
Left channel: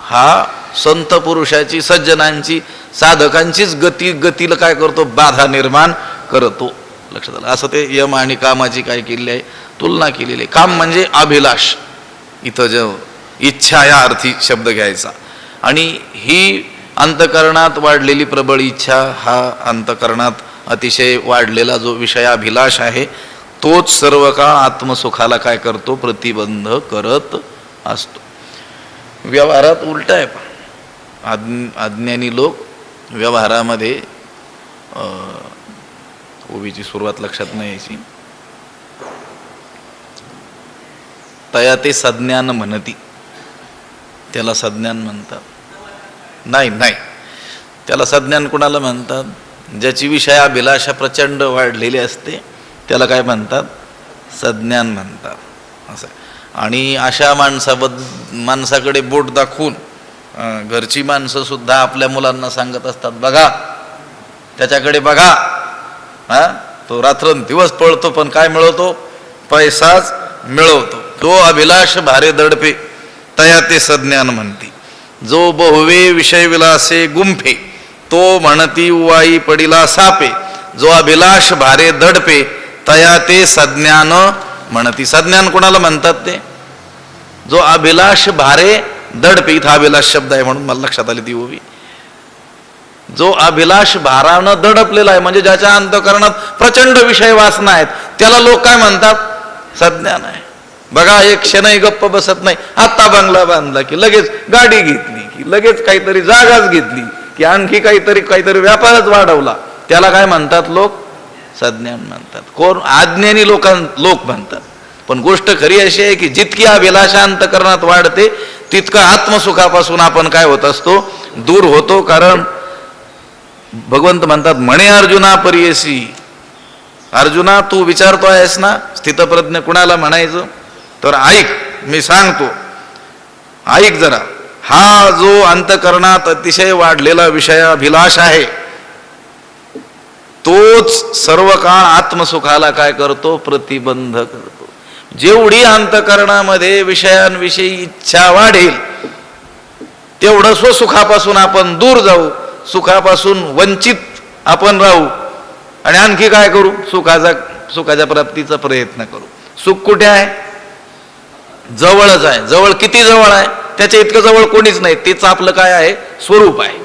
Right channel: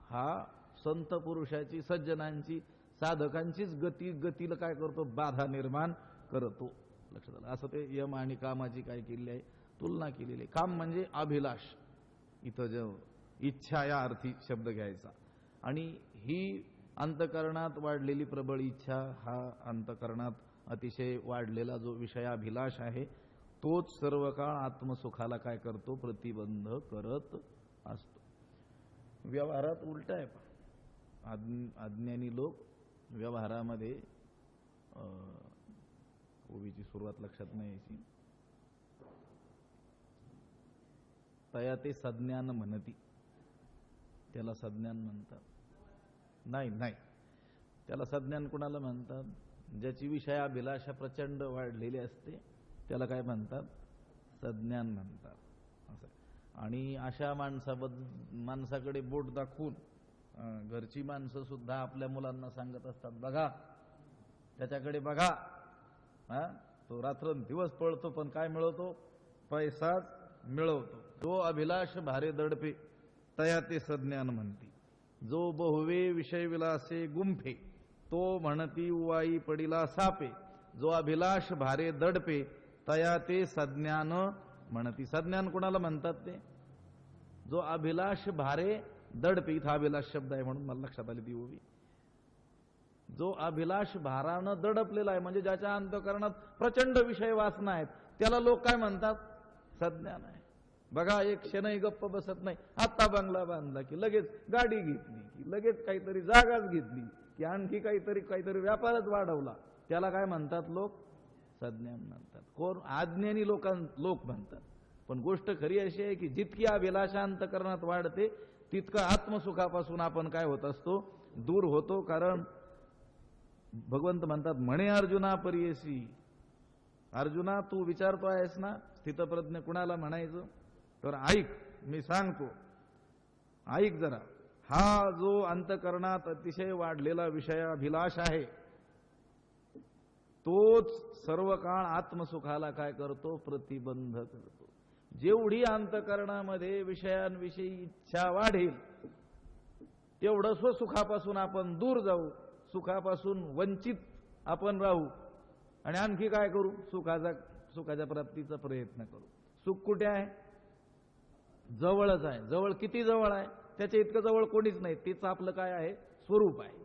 हा संत पुरुषाची, सज्जनांची, साधकांचीच गतीला काय करतो? बाधा निर्माण करतो. लक्षात आलं? असं ते यम आणि कामाची काय केलेली आहे? तुलना केलेली आहे. काम म्हणजे अभिलाष, इथं जो इच्छा या अर्थी शब्द घ्यायचा. आणि ही अंतकरणात वाढलेली प्रबळ इच्छा, हा अंतकरणात अतिशय वाढलेला जो विषयाभिलाष आहे तोच सर्व काळ आत्मसुखाला काय करतो? प्रतिबंध करत असतो. व्यवहारात उलट आहे. अज्ञानी लोक व्यवहारामध्ये ओवीची सुरुवात लक्षात नाही यायची. तया ते सज्ञान म्हणती, त्याला सज्ञान म्हणतात. नाही नाही, त्याला सज्ञान कुणाला म्हणतात? ज्याची विषयाभिलाषा प्रचंड वाढलेली असते त्याला काय म्हणतात? सज्ञान म्हणतात. असं. आणि अशा माणसाकडे बोट दाखवून घरची माणसं सुद्धा आपल्या मुलांना सांगत असतात, बघा त्याच्याकडे बघा, तो रात्रंदिवस पळतो पण काय मिळवतो? पैसाच मिळवतो. तो अभिलाष भारे दडपे तया ते सज्ञान म्हणती. जो बहुवे विषय विलासे गुंफे तो म्हणती उवाई पडिला सापे. जो अभिलाष भारे दडपे तया ते सज्ञान म्हणती. सज्ञान कोणाला म्हणतात? ते जो अभिलाष भारे दडपे. इथं अभिलाष शब्द आहे म्हणून मला लक्षात आली ती ओवी. जो अभिलाष भारानं दडपलेला आहे म्हणजे ज्याच्या अंतःकरणात प्रचंड विषय वासना आहेत त्याला लोक काय म्हणतात? सज्ञान आहे. बघा, एक क्षणही गप्प बसत नाही. आत्ता बंगला बांधला की लगेच गाडी घेतली, की लगेच काहीतरी जागाच घेतली, की आणखी काहीतरी व्यापारच वाढवला, त्याला काय म्हणतात लोक? सज्ञान म्हणतात. कोण? अज्ञानी लोक म्हणतात. पण गोष्ट खरी अशी आहे की जितकी अभिलाषा अंतःकरणात वाढते तितकं आत्मसुखापासून आपण काय होत असतो? दूर होतो. कारण भगवंत म्हणतात, म्हणे अर्जुना परियसी. अर्जुना, तू विचारतो आहेस ना स्थितप्रज्ञ कुणाला म्हणायचं? तर ऐक, मी सांगतो, ऐक जरा. हा जो अंतःकरणात अतिशय वाढलेला विषयाभिलाष आहे तोच सर्व काळ आत्मसुखाला काय करतो? प्रतिबंध करतो. जेवढी अंतःकरणामध्ये विषयांविषयी इच्छा वाढेल तेवढं स्वसुखापासून आपण दूर जाऊ, सुखापासून वंचित आपण राहू आणि आणखी काय करू? सुखाच्या प्राप्तीचा प्रयत्न करू. सुख कुठे आहे? जवळच आहे. जवळ किती जवळ आहे? त्याच्या इतकं जवळ कोणीच नाही. तेच आपलं काय आहे? स्वरूप आहे.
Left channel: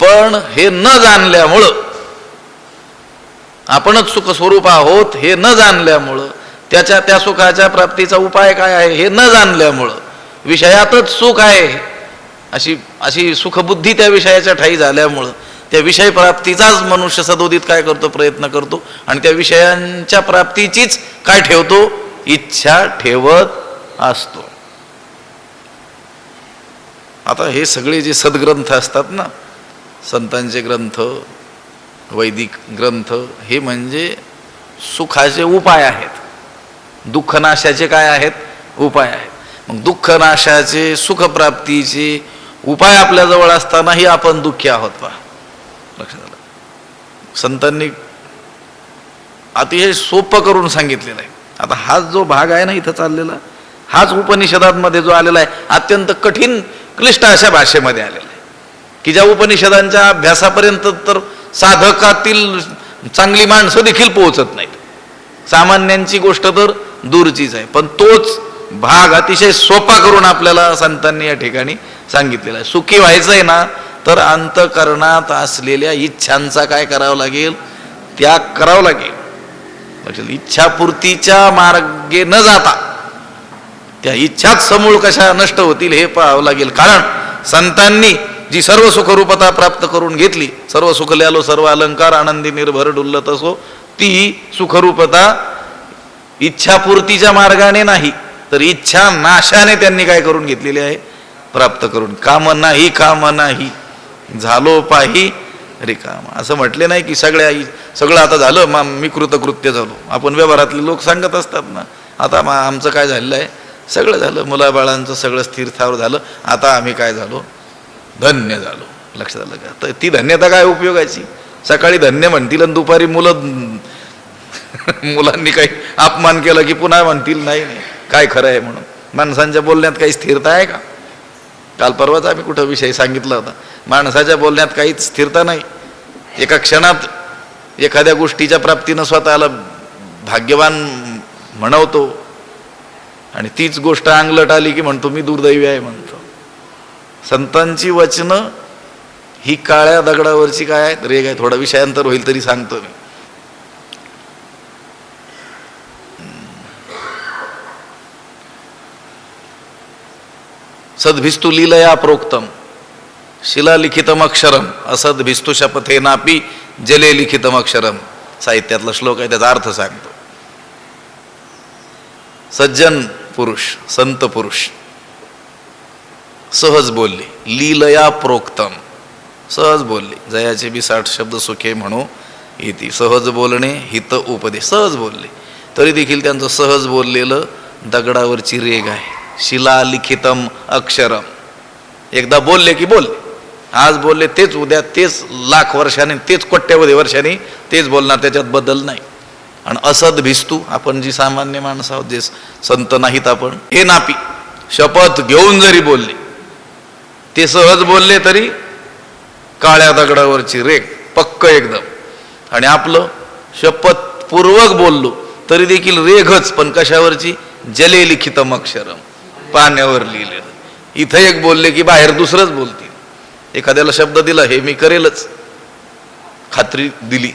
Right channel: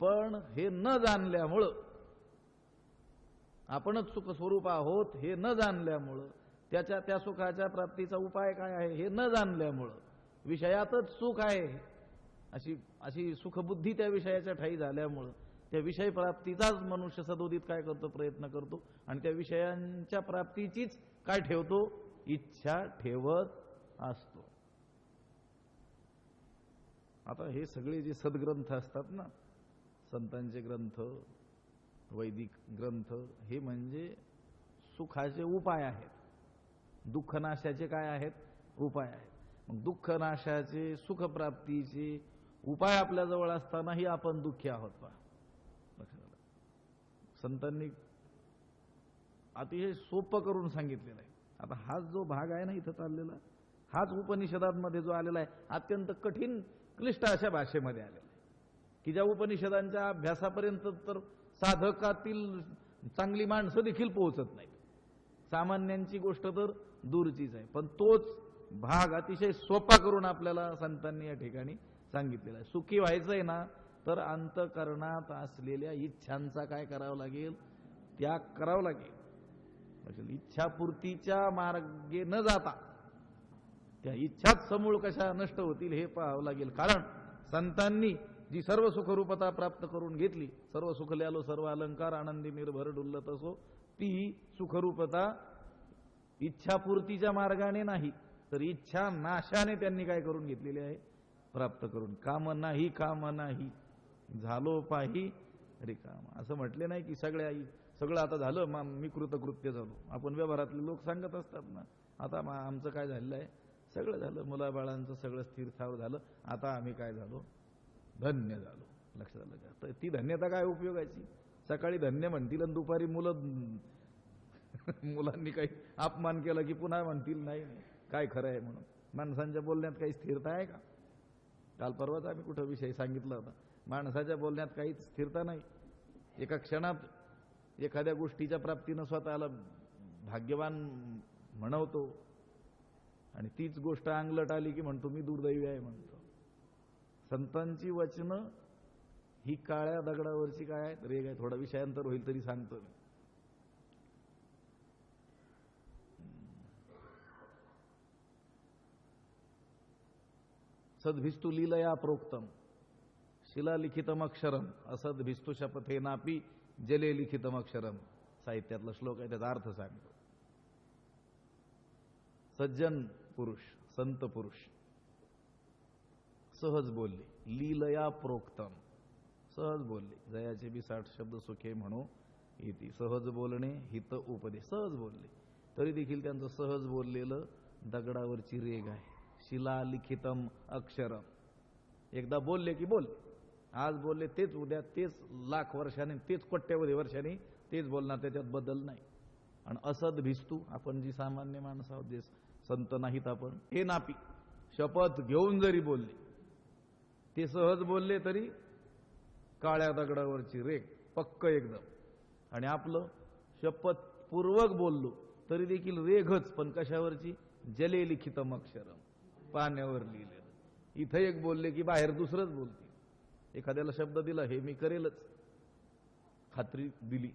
पण हे न जाणल्यामुळं, आपणच सुख स्वरूप आहोत हे न जाणल्यामुळं, त्या सुखाच्या प्राप्तीचा उपाय काय आहे हे न जाणल्यामुळं, विषयातच सुख आहे अशी सुखबुद्धी त्या विषयाच्या ठाई झाल्यामुळं त्या विषय प्राप्तीचाच मनुष्य सदोदित काय करतो? प्रयत्न करतो. आणि त्या विषयांच्या प्राप्तीचीच काय ठेवतो? इच्छा ठेवत असतो. आता हे सगळे जे सद्ग्रंथ असतात ना, संतांचे ग्रंथ, वैदिक ग्रंथ, हे म्हणजे सुखाचे उपाय आहेत. दुःखनाशाचे काय आहेत? उपाय आहेत. मग दुःखनाशाचे, सुखप्राप्तीचे उपाय आपल्याजवळ असतानाही आपण दुःखी आहोत. पहा, लक्षात आलं? संतांनी अतिशय सोपं करून सांगितलेलं आहे. आता हाच जो भाग आहे ना इथं चाललेला, हाच उपनिषदांमध्ये जो आलेला आहे अत्यंत कठीण क्लिष्ट अशा भाषेमध्ये आलेला आहे की ज्या उपनिषदांच्या अभ्यासापर्यंत तर साधकातील चांगली माणसं देखील पोहोचत नाहीत. सामान्यांची गोष्ट तर दूरचीच आहे. पण तोच भाग अतिशय सोपा करून आपल्याला संतांनी या ठिकाणी सांगितलेला आहे. सुखी व्हायचं आहे ना तर अंतःकरणात असलेल्या इच्छांचा काय करावं लागेल? त्याग करावं लागेल. इच्छापूर्तीच्या मार्गे न जाता त्या इच्छाच समूळ कशा नष्ट होतील हे पाहावं लागेल. कारण संतांनी जी सर्व सुखरूपता प्राप्त करून घेतली, सर्व सुखल्यालो सर्व अलंकार आनंदी निर्भर डुल्लत असो, ती सुखरूपता इच्छापूर्तीच्या मार्गाने नाही तर इच्छा नाशाने त्यांनी काय करून घेतलेली आहे? प्राप्त करून. काम नाही झालो पाही रिकाम. असं म्हटले नाही की सगळं आता झालं, मी कृतकृत्य झालो. आपण व्यवहारातले लोक सांगत असतात ना, आता आमचं काय झालेलं आहे? सगळं झालं, मुलाबाळांचं सगळं स्थिर स्थावर झालं, आता आम्ही काय झालो? धन्य झालो. लक्षात आलं का? तर ती धन्यता काय उपयोगाची? सकाळी धन्य म्हणतील आणि दुपारी मुलांनी काही अपमान केला की पुन्हा म्हणतील नाही काय खरं आहे म्हणून. माणसांच्या बोलण्यात काही स्थिरता आहे का? काल परवाच आम्ही कुठं विषय सांगितला होता, माणसाच्या बोलण्यात काहीच स्थिरता नाही. एका क्षणात एखाद्या गोष्टीच्या प्राप्तीनं स्वतःला भाग्यवान म्हणवतो आणि तीच गोष्ट अंगलट आली की म्हणतो मी दुर्दैवी आहे म्हणतो. संतांची वचनं ही काळ्या दगडावरची काय आहेत? रेग आहे. थोडा विषयांतर होईल तरी सांगतो मी. सद्भिस्तु लीलया प्रोक्तम शिलालिखितम अक्षरम असद्भिस्तु शपथेनापि जले लिखितम अक्षरम. साहित्यातला श्लोक आहे, त्याचा अर्थ सांगतो. सज्जन पुरुष, संत पुरुष सहज बोलले, लीलया प्रोक्तम, सहज बोलले. जयाचे बी 60 शब्द सुखे म्हणू इति. सहज बोलणे हित उपदेश, सहज बोलले. तरी देखील त्यांचं सहज बोललेलं दगडावरची रेघ आहे. शिलालिखितम अक्षरम. एकदा बोलले की बोलले, आज बोलले तेच उद्या तेच, लाख वर्षांनी तेच, कोट्यावधी वर्षांनी तेच बोलणार, त्याच्यात बदल नाही. आणि असद भिस्तू, आपण जी सामान्य माणसं आहोत, जे संत नाहीत आपण, हे नापी शपथ घेऊन जरी बोलले, ते सहज बोलले तरी काळ्या दगडावरची रेघ पक्क एकदम. आणि आपलं शपथपूर्वक बोललो तरी देखील रेघच, पण कशावरची? जले लिखितम अक्षरम, पाण्यावर लिहिलेलं. इथं एक बोलले की बाहेर दुसरंच बोलतील. एखाद्याला शब्द दिला, हे मी करेलच, खात्री दिली,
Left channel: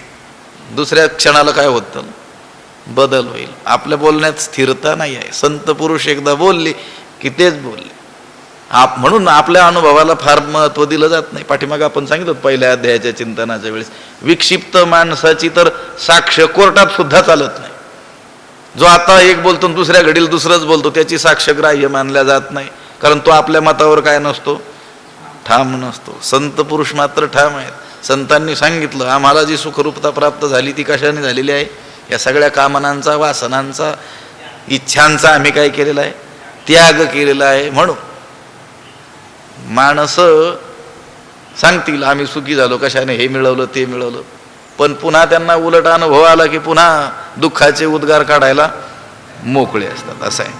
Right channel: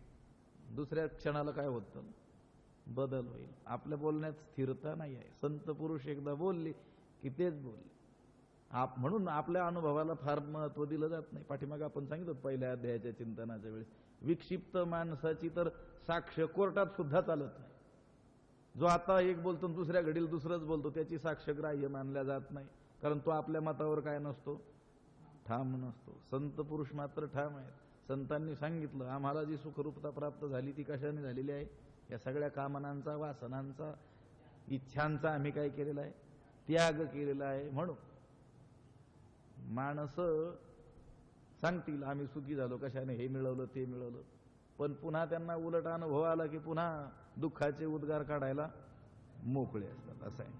दुसऱ्या क्षणाला काय होतं? बदल होईल. आपल्या बोलण्यात स्थिरता नाही आहे. संत पुरुष एकदा बोलले की तेच बोलले. म्हणून आपल्या अनुभवाला फार महत्व दिलं जात नाही. पाठीमागे आपण सांगितलं पहिल्या अध्यायाच्या चिंतनाच्या वेळेस, विक्षिप्त माणसाची तर साक्ष कोर्टात सुद्धा चालत नाही. जो आता एक बोलतो दुसऱ्या घडीला दुसरंच बोलतो, त्याची साक्ष ग्राह्य मानल्या जात नाही, कारण तो आपल्या मतावर काय नसतो, ठाम नसतो. संत पुरुष मात्र ठाम आहेत. संतांनी सांगितलं, आम्हाला जी सुखरूपता प्राप्त झाली ती कशाने झालेली आहे? या सगळ्या कामनांचा, वासनांचा, इच्छांचा आम्ही काय केलेला आहे? त्याग केलेला आहे. म्हणून माणसं सांगतील आम्ही सुखी झालो कशाने, हे मिळवलं ते मिळवलं, पण पुन्हा त्यांना उलट अनुभव आला की पुन्हा दुःखाचे उद्गार काढायला मोकळे असतात. असं आहे.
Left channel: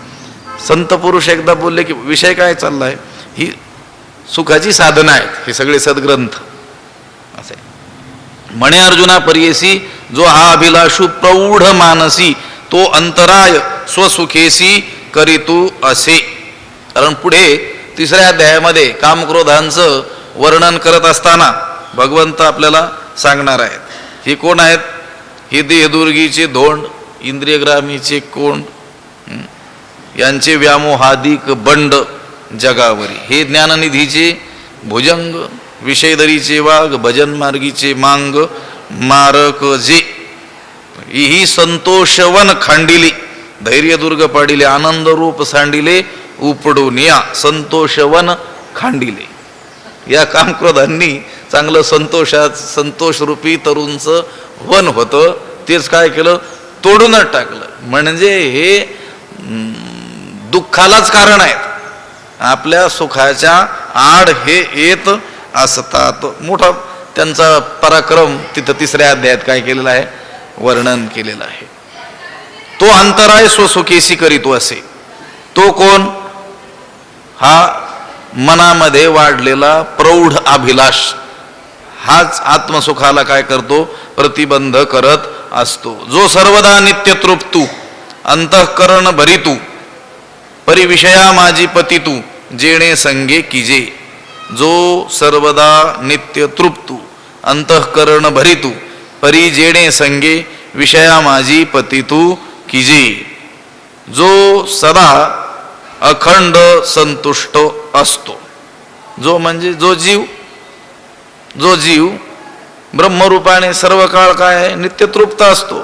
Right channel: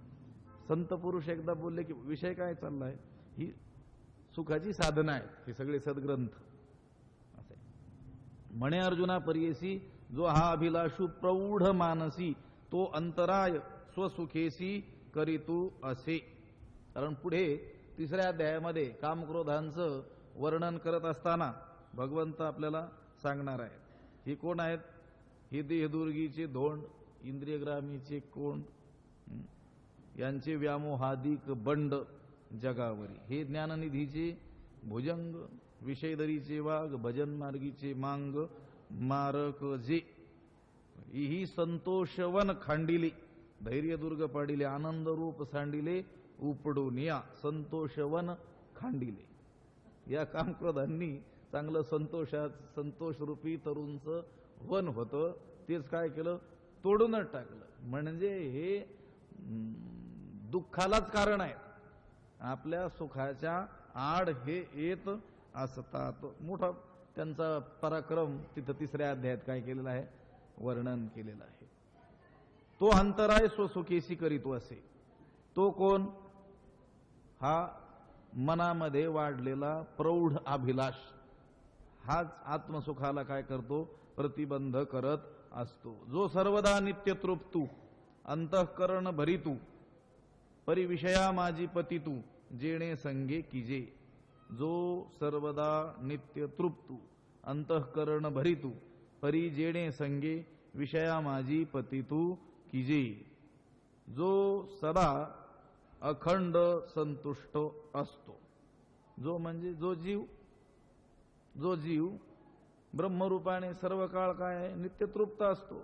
संत पुरुष एकदा बोलले की विषय काय चाललाय, ही सुखाची साधना आहेत, हे सगळे सद्ग्रंथ. असं आहे. म्हणे अर्जुना परियेसी, जो हा अभिलाषू प्रौढ मानसी, तो अंतराय स्वसुखेसी करीतू असे. कारण पुढे 3ऱ्या अध्यायामध्ये कामक्रोधांचं वर्णन करत असताना भगवंत आपल्याला सांगणार आहेत. ही कोण आहेत? ही देहदुर्गीचे धोंड, इंद्रियग्रामीचे कोंड, यांचे व्यामोहादिक बंड जगावरी. हे ज्ञाननिधीचे भुजंग, विषयदरीचे वाघ, भजन मार्गीचे मांग मारक जे. ही संतोषवन खांडिले, धैर्यदुर्ग पाडिले, आनंद रूप सांडिले, उपडून या संतोषवन खांडिले. या कामक्रोधांनी चांगलं संतोषरूपी तरुणचं वन होतं, तेच काय केलं? तोडूनच टाकलं. म्हणजे हे दुःखालाच कारण आहेत. आपल्या सुखाच्या आड हे येत असतात. मोठा त्यांचा पराक्रम तिथं 3ऱ्या अध्यायात काय केलेलं आहे? वर्णन केलेलं आहे. तो अंतराय स्वसुखेसी करीतो असे. तो कोण? हा मनामध्ये वाढलेला प्रौढ अभिलाष, हाच आत्मसुखाला काय करतो? प्रतिबंध करत असतो. जो सर्वदा नित्य तृप्तू, अंतःकरण भरितू, परिविषया माझी पतितू, जेणे संगे किजे. जो सर्वदा नित्य तृप्तू, अंतःकरण भरितू, परी जेणे संगे, विषया माझी पतितू किजे. जो सदा अखंड संतुष्ट असतो. जो म्हणजे जो जीव, जो जीव ब्रह्मरूपाने सर्व काळ काय आहे? नित्यतृप्त असतो.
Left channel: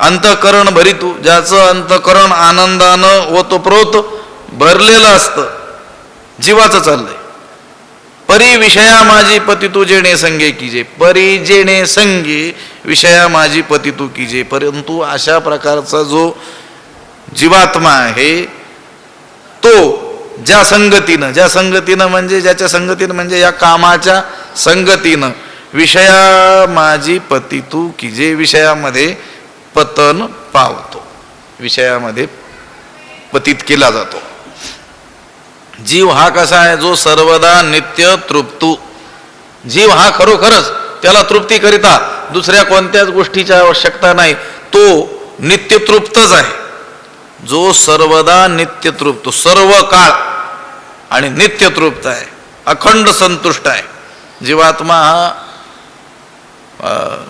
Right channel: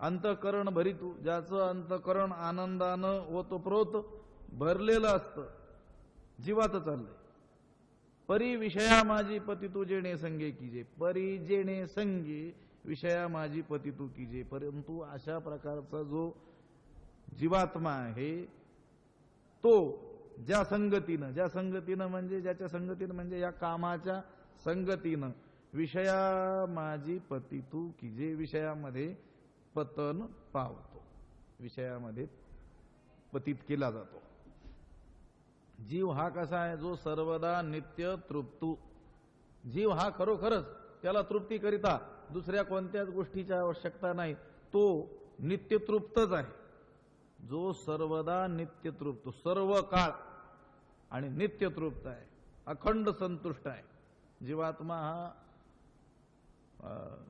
अंतःकरण भरितू, ज्याचं अंतःकरण आनंदानं ओतप्रोत भरलेलं असतं, जीवाचं चाललंय. परी विषया माझी पतितू जेणे संगे कीजे. परी जेणे संगे विषया माझी पतितू कीजे. परंतु अशा प्रकारचा जो जीवात्मा आहे, तो ज्या संगतीनं म्हणजे ज्याच्या संगतीनं म्हणजे या कामाच्या संगतीनं विषया माझी पतितू कीजे, विषयामध्ये पतन पावतो, विषयामध्ये पतित केला जातो. जीव हा कसा आहे? जो सर्वदा नित्य तृप्तू. जीव हा खरोखरच त्याला तृप्ती करिता दुसऱ्या कोणत्याच गोष्टीची आवश्यकता नाही, तो नित्य तृप्तच आहे. जो सर्वदा नित्य तृप्त, सर्व काळ आणि नित्य तृप्त आहे, अखंड संतुष्ट आहे. जीवात्मा हा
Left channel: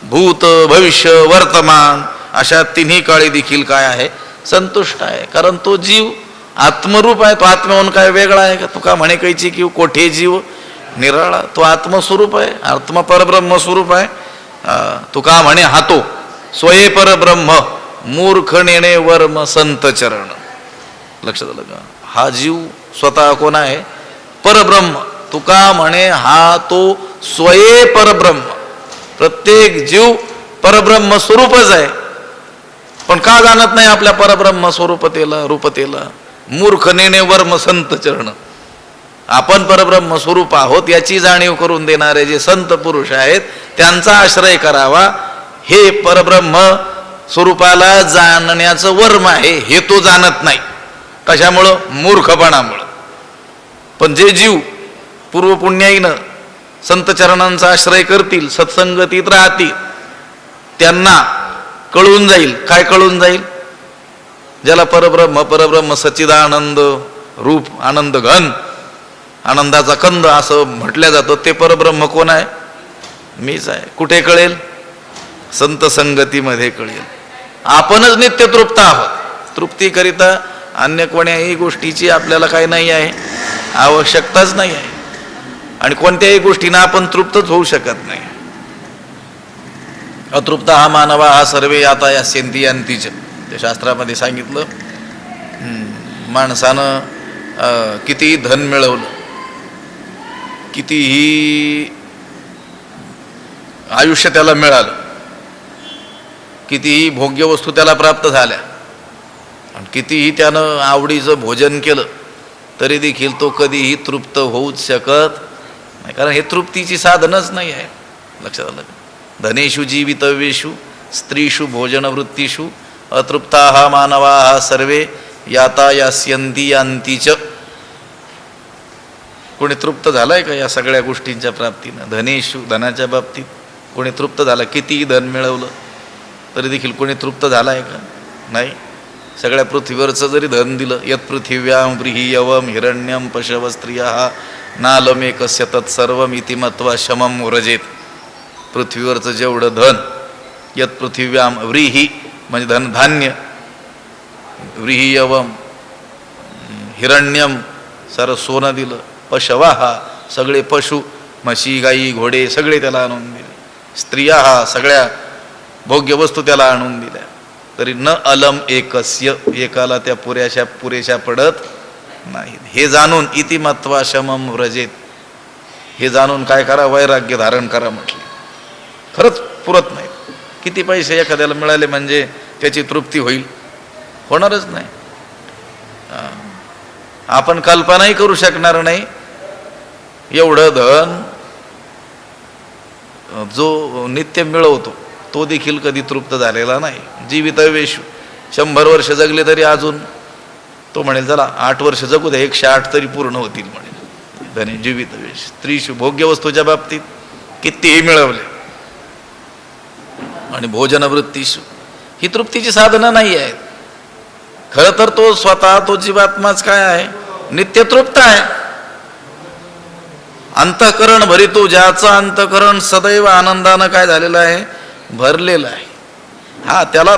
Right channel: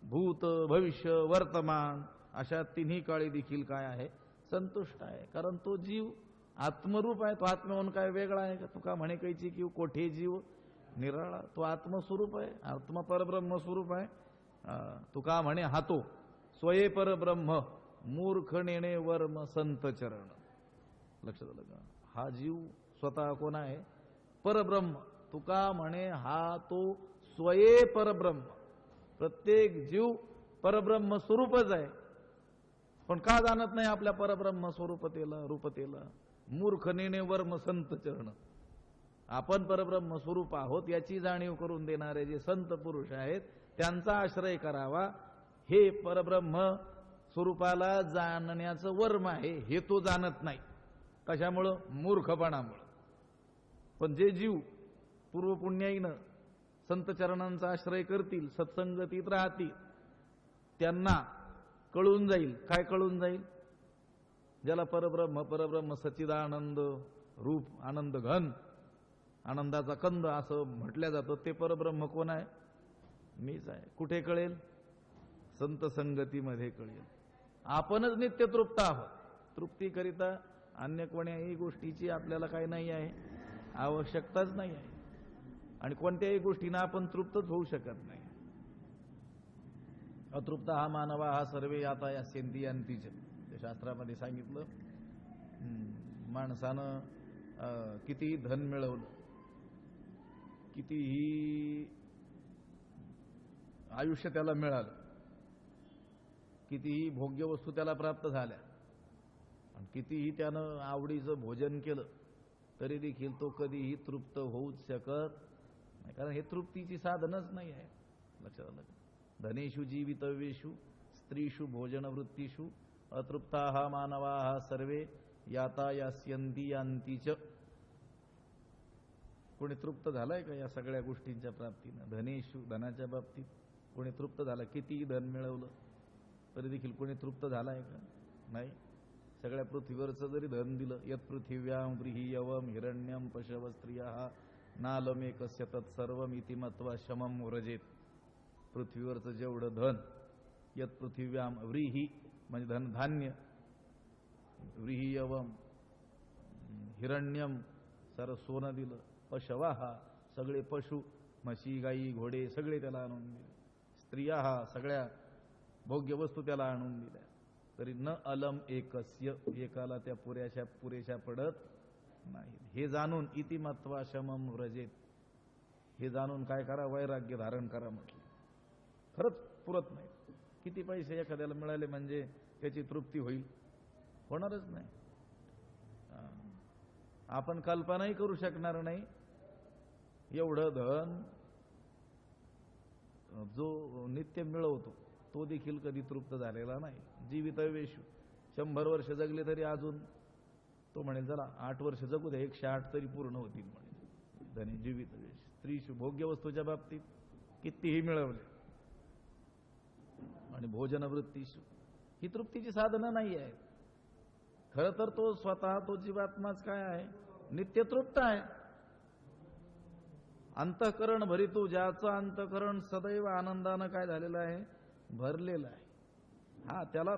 भूत भविष्य वर्तमान अशा तिन्ही काळी देखील काय आहे? संतुष्ट आहे. कारण तो जीव आत्मरूप आहे तो. आत्म्याहून काय वेगळा आहे का? तुका म्हणे कैची की कोठे जीव निराळा, तो आत्मस्वरूप आहे, आत्मा परब्रह्म स्वरूप आहे. तुका म्हणे हातो स्वये परब्रह्म मूर्ख नेणे वर्म संत चरण. लक्षात आलं का? हा जीव स्वतः कोण आहे? परब्रह्म. तुका म्हणे हा तो स्वये परब्रह्म. प्रत्येक जीव परब्रह्म स्वरूपच आहे, पण का जाणत नाही आपल्या परब्रह्म स्वरूपतेला, रूपतेला? मूर्ख नेणे वर्म संत चरण. आपण परब्रह्म स्वरूप आहोत याची जाणीव करून देणारे जे संत पुरुष आहेत त्यांचा आश्रय करावा. हे परब्रह्म स्वरूपाला जाणण्याचं वर्म आहे, हे तो जाणत नाही. कशामुळं? मूर्खपणामुळं. पण जे जीव पूर्वपुण्याईनं संत चरणांचा आश्रय करतील, सत्संगतीत राहतील, त्यांना कळून जाईल. काय कळून जाईल? ज्याला परब्रह्म सच्चिदानंद रूप, आनंद घन, आनंदाचा कंद असं म्हटलं जातं, ते परब्रह्म कोण आहे? मीच आहे. कुठे कळेल? संत संगतीमध्ये कळेल. आपणच नित्य तृप्त आहोत. तृप्तीकरिता अन्य कोण्याही गोष्टीची आपल्याला काय नाही आहे, आवश्यकताच नाही आहे. आणि कोणत्याही गोष्टीनं आपण तृप्तच होऊ शकत नाही. अतृप्त हा मानवा हा सर्वे याता यास्यन्ति यान्तीच. ते शास्त्रामध्ये सांगितलं. माणसानं कितीही धन मिळवलं, कितीही आयुष्य त्याला मिळालं, कितीही भोग्य वस्तू त्याला प्राप्त झाल्या, आणि कितीही त्यानं आवडीचं भोजन केलं, तरी देखील तो कधीही तृप्त होऊच शकत नाही. कारण हे तृप्तीची साधनच नाही आहे. लक्षात आलं? धनेषु जीवितव्येषु स्त्रीषु भोजनवृत्तीषु अतृप्ताः मानवाः सर्वे याता यास्यन्ति यान्तीच. कोणी तृप्त झालाय का या सगळ्या गोष्टींच्या प्राप्तीनं? धनेषु, धनाच्या बाबतीत कोणी तृप्त झाला? कितीही धन मिळवलं तरी देखील कोणी तृप्त झालाय का? नाही. सगळ्या पृथ्वीवरचं जरी धन दिलं, यत् पृथिव्यां व्रीहियवम हिरण्यम पशव स्त्रिया नालमेकस्य तत्सर्वम इति मत्वा शमम व्रजेत. पृथ्वीवरचं जेवढं धन, यत् पृथिव्यां व्रीही म्हणजे धन धान्य, व्रीहियवम हिरण्यम सारं सोनं दिलं, पशवाहा सगळे पशु, म्हशी गाई घोडे सगळे त्याला आणून दिले, स्त्रिया हा सगळ्या भोग्य वस्तू त्याला आणून दिल्या, तरी न अलम एकस्य, एकाला त्या पुरेशा पडत नाही. हे जाणून इति मत्वा शमम व्रजेत, हे जाणून काय करा? वैराग्य धारण करा म्हटले. खरंच पुरत नाही. किती पैसे एखाद्याला मिळाले म्हणजे त्याची तृप्ती होईल? होणारच नाही. आपण कल्पनाही करू शकणार नाही एवढं धन जो नित्य मिळवतो तो देखील कधी तृप्त झालेला नाही. जीवितवेशु 100 वर्ष जगले तरी अजून तो म्हणेल चला 8 वर्ष जगू दे, 108 तरी पूर्ण होतील म्हणेल. धने जीवितवेश. स्त्रीशु भोग्य वस्तूच्या बाबतीत कितीही मिळवले, आणि भोजनवृत्तीशु ही तृप्तीची साधनं नाही आहेत. खरं तर तो स्वतः तो जीवात्माच काय आहे? नित्य तृप्त आहे. अंतःकरण भरितो, ज्याचं अंतःकरण सदैव आनंदानं काय झालेलं आहे? भरलेलं आहे. हा त्याला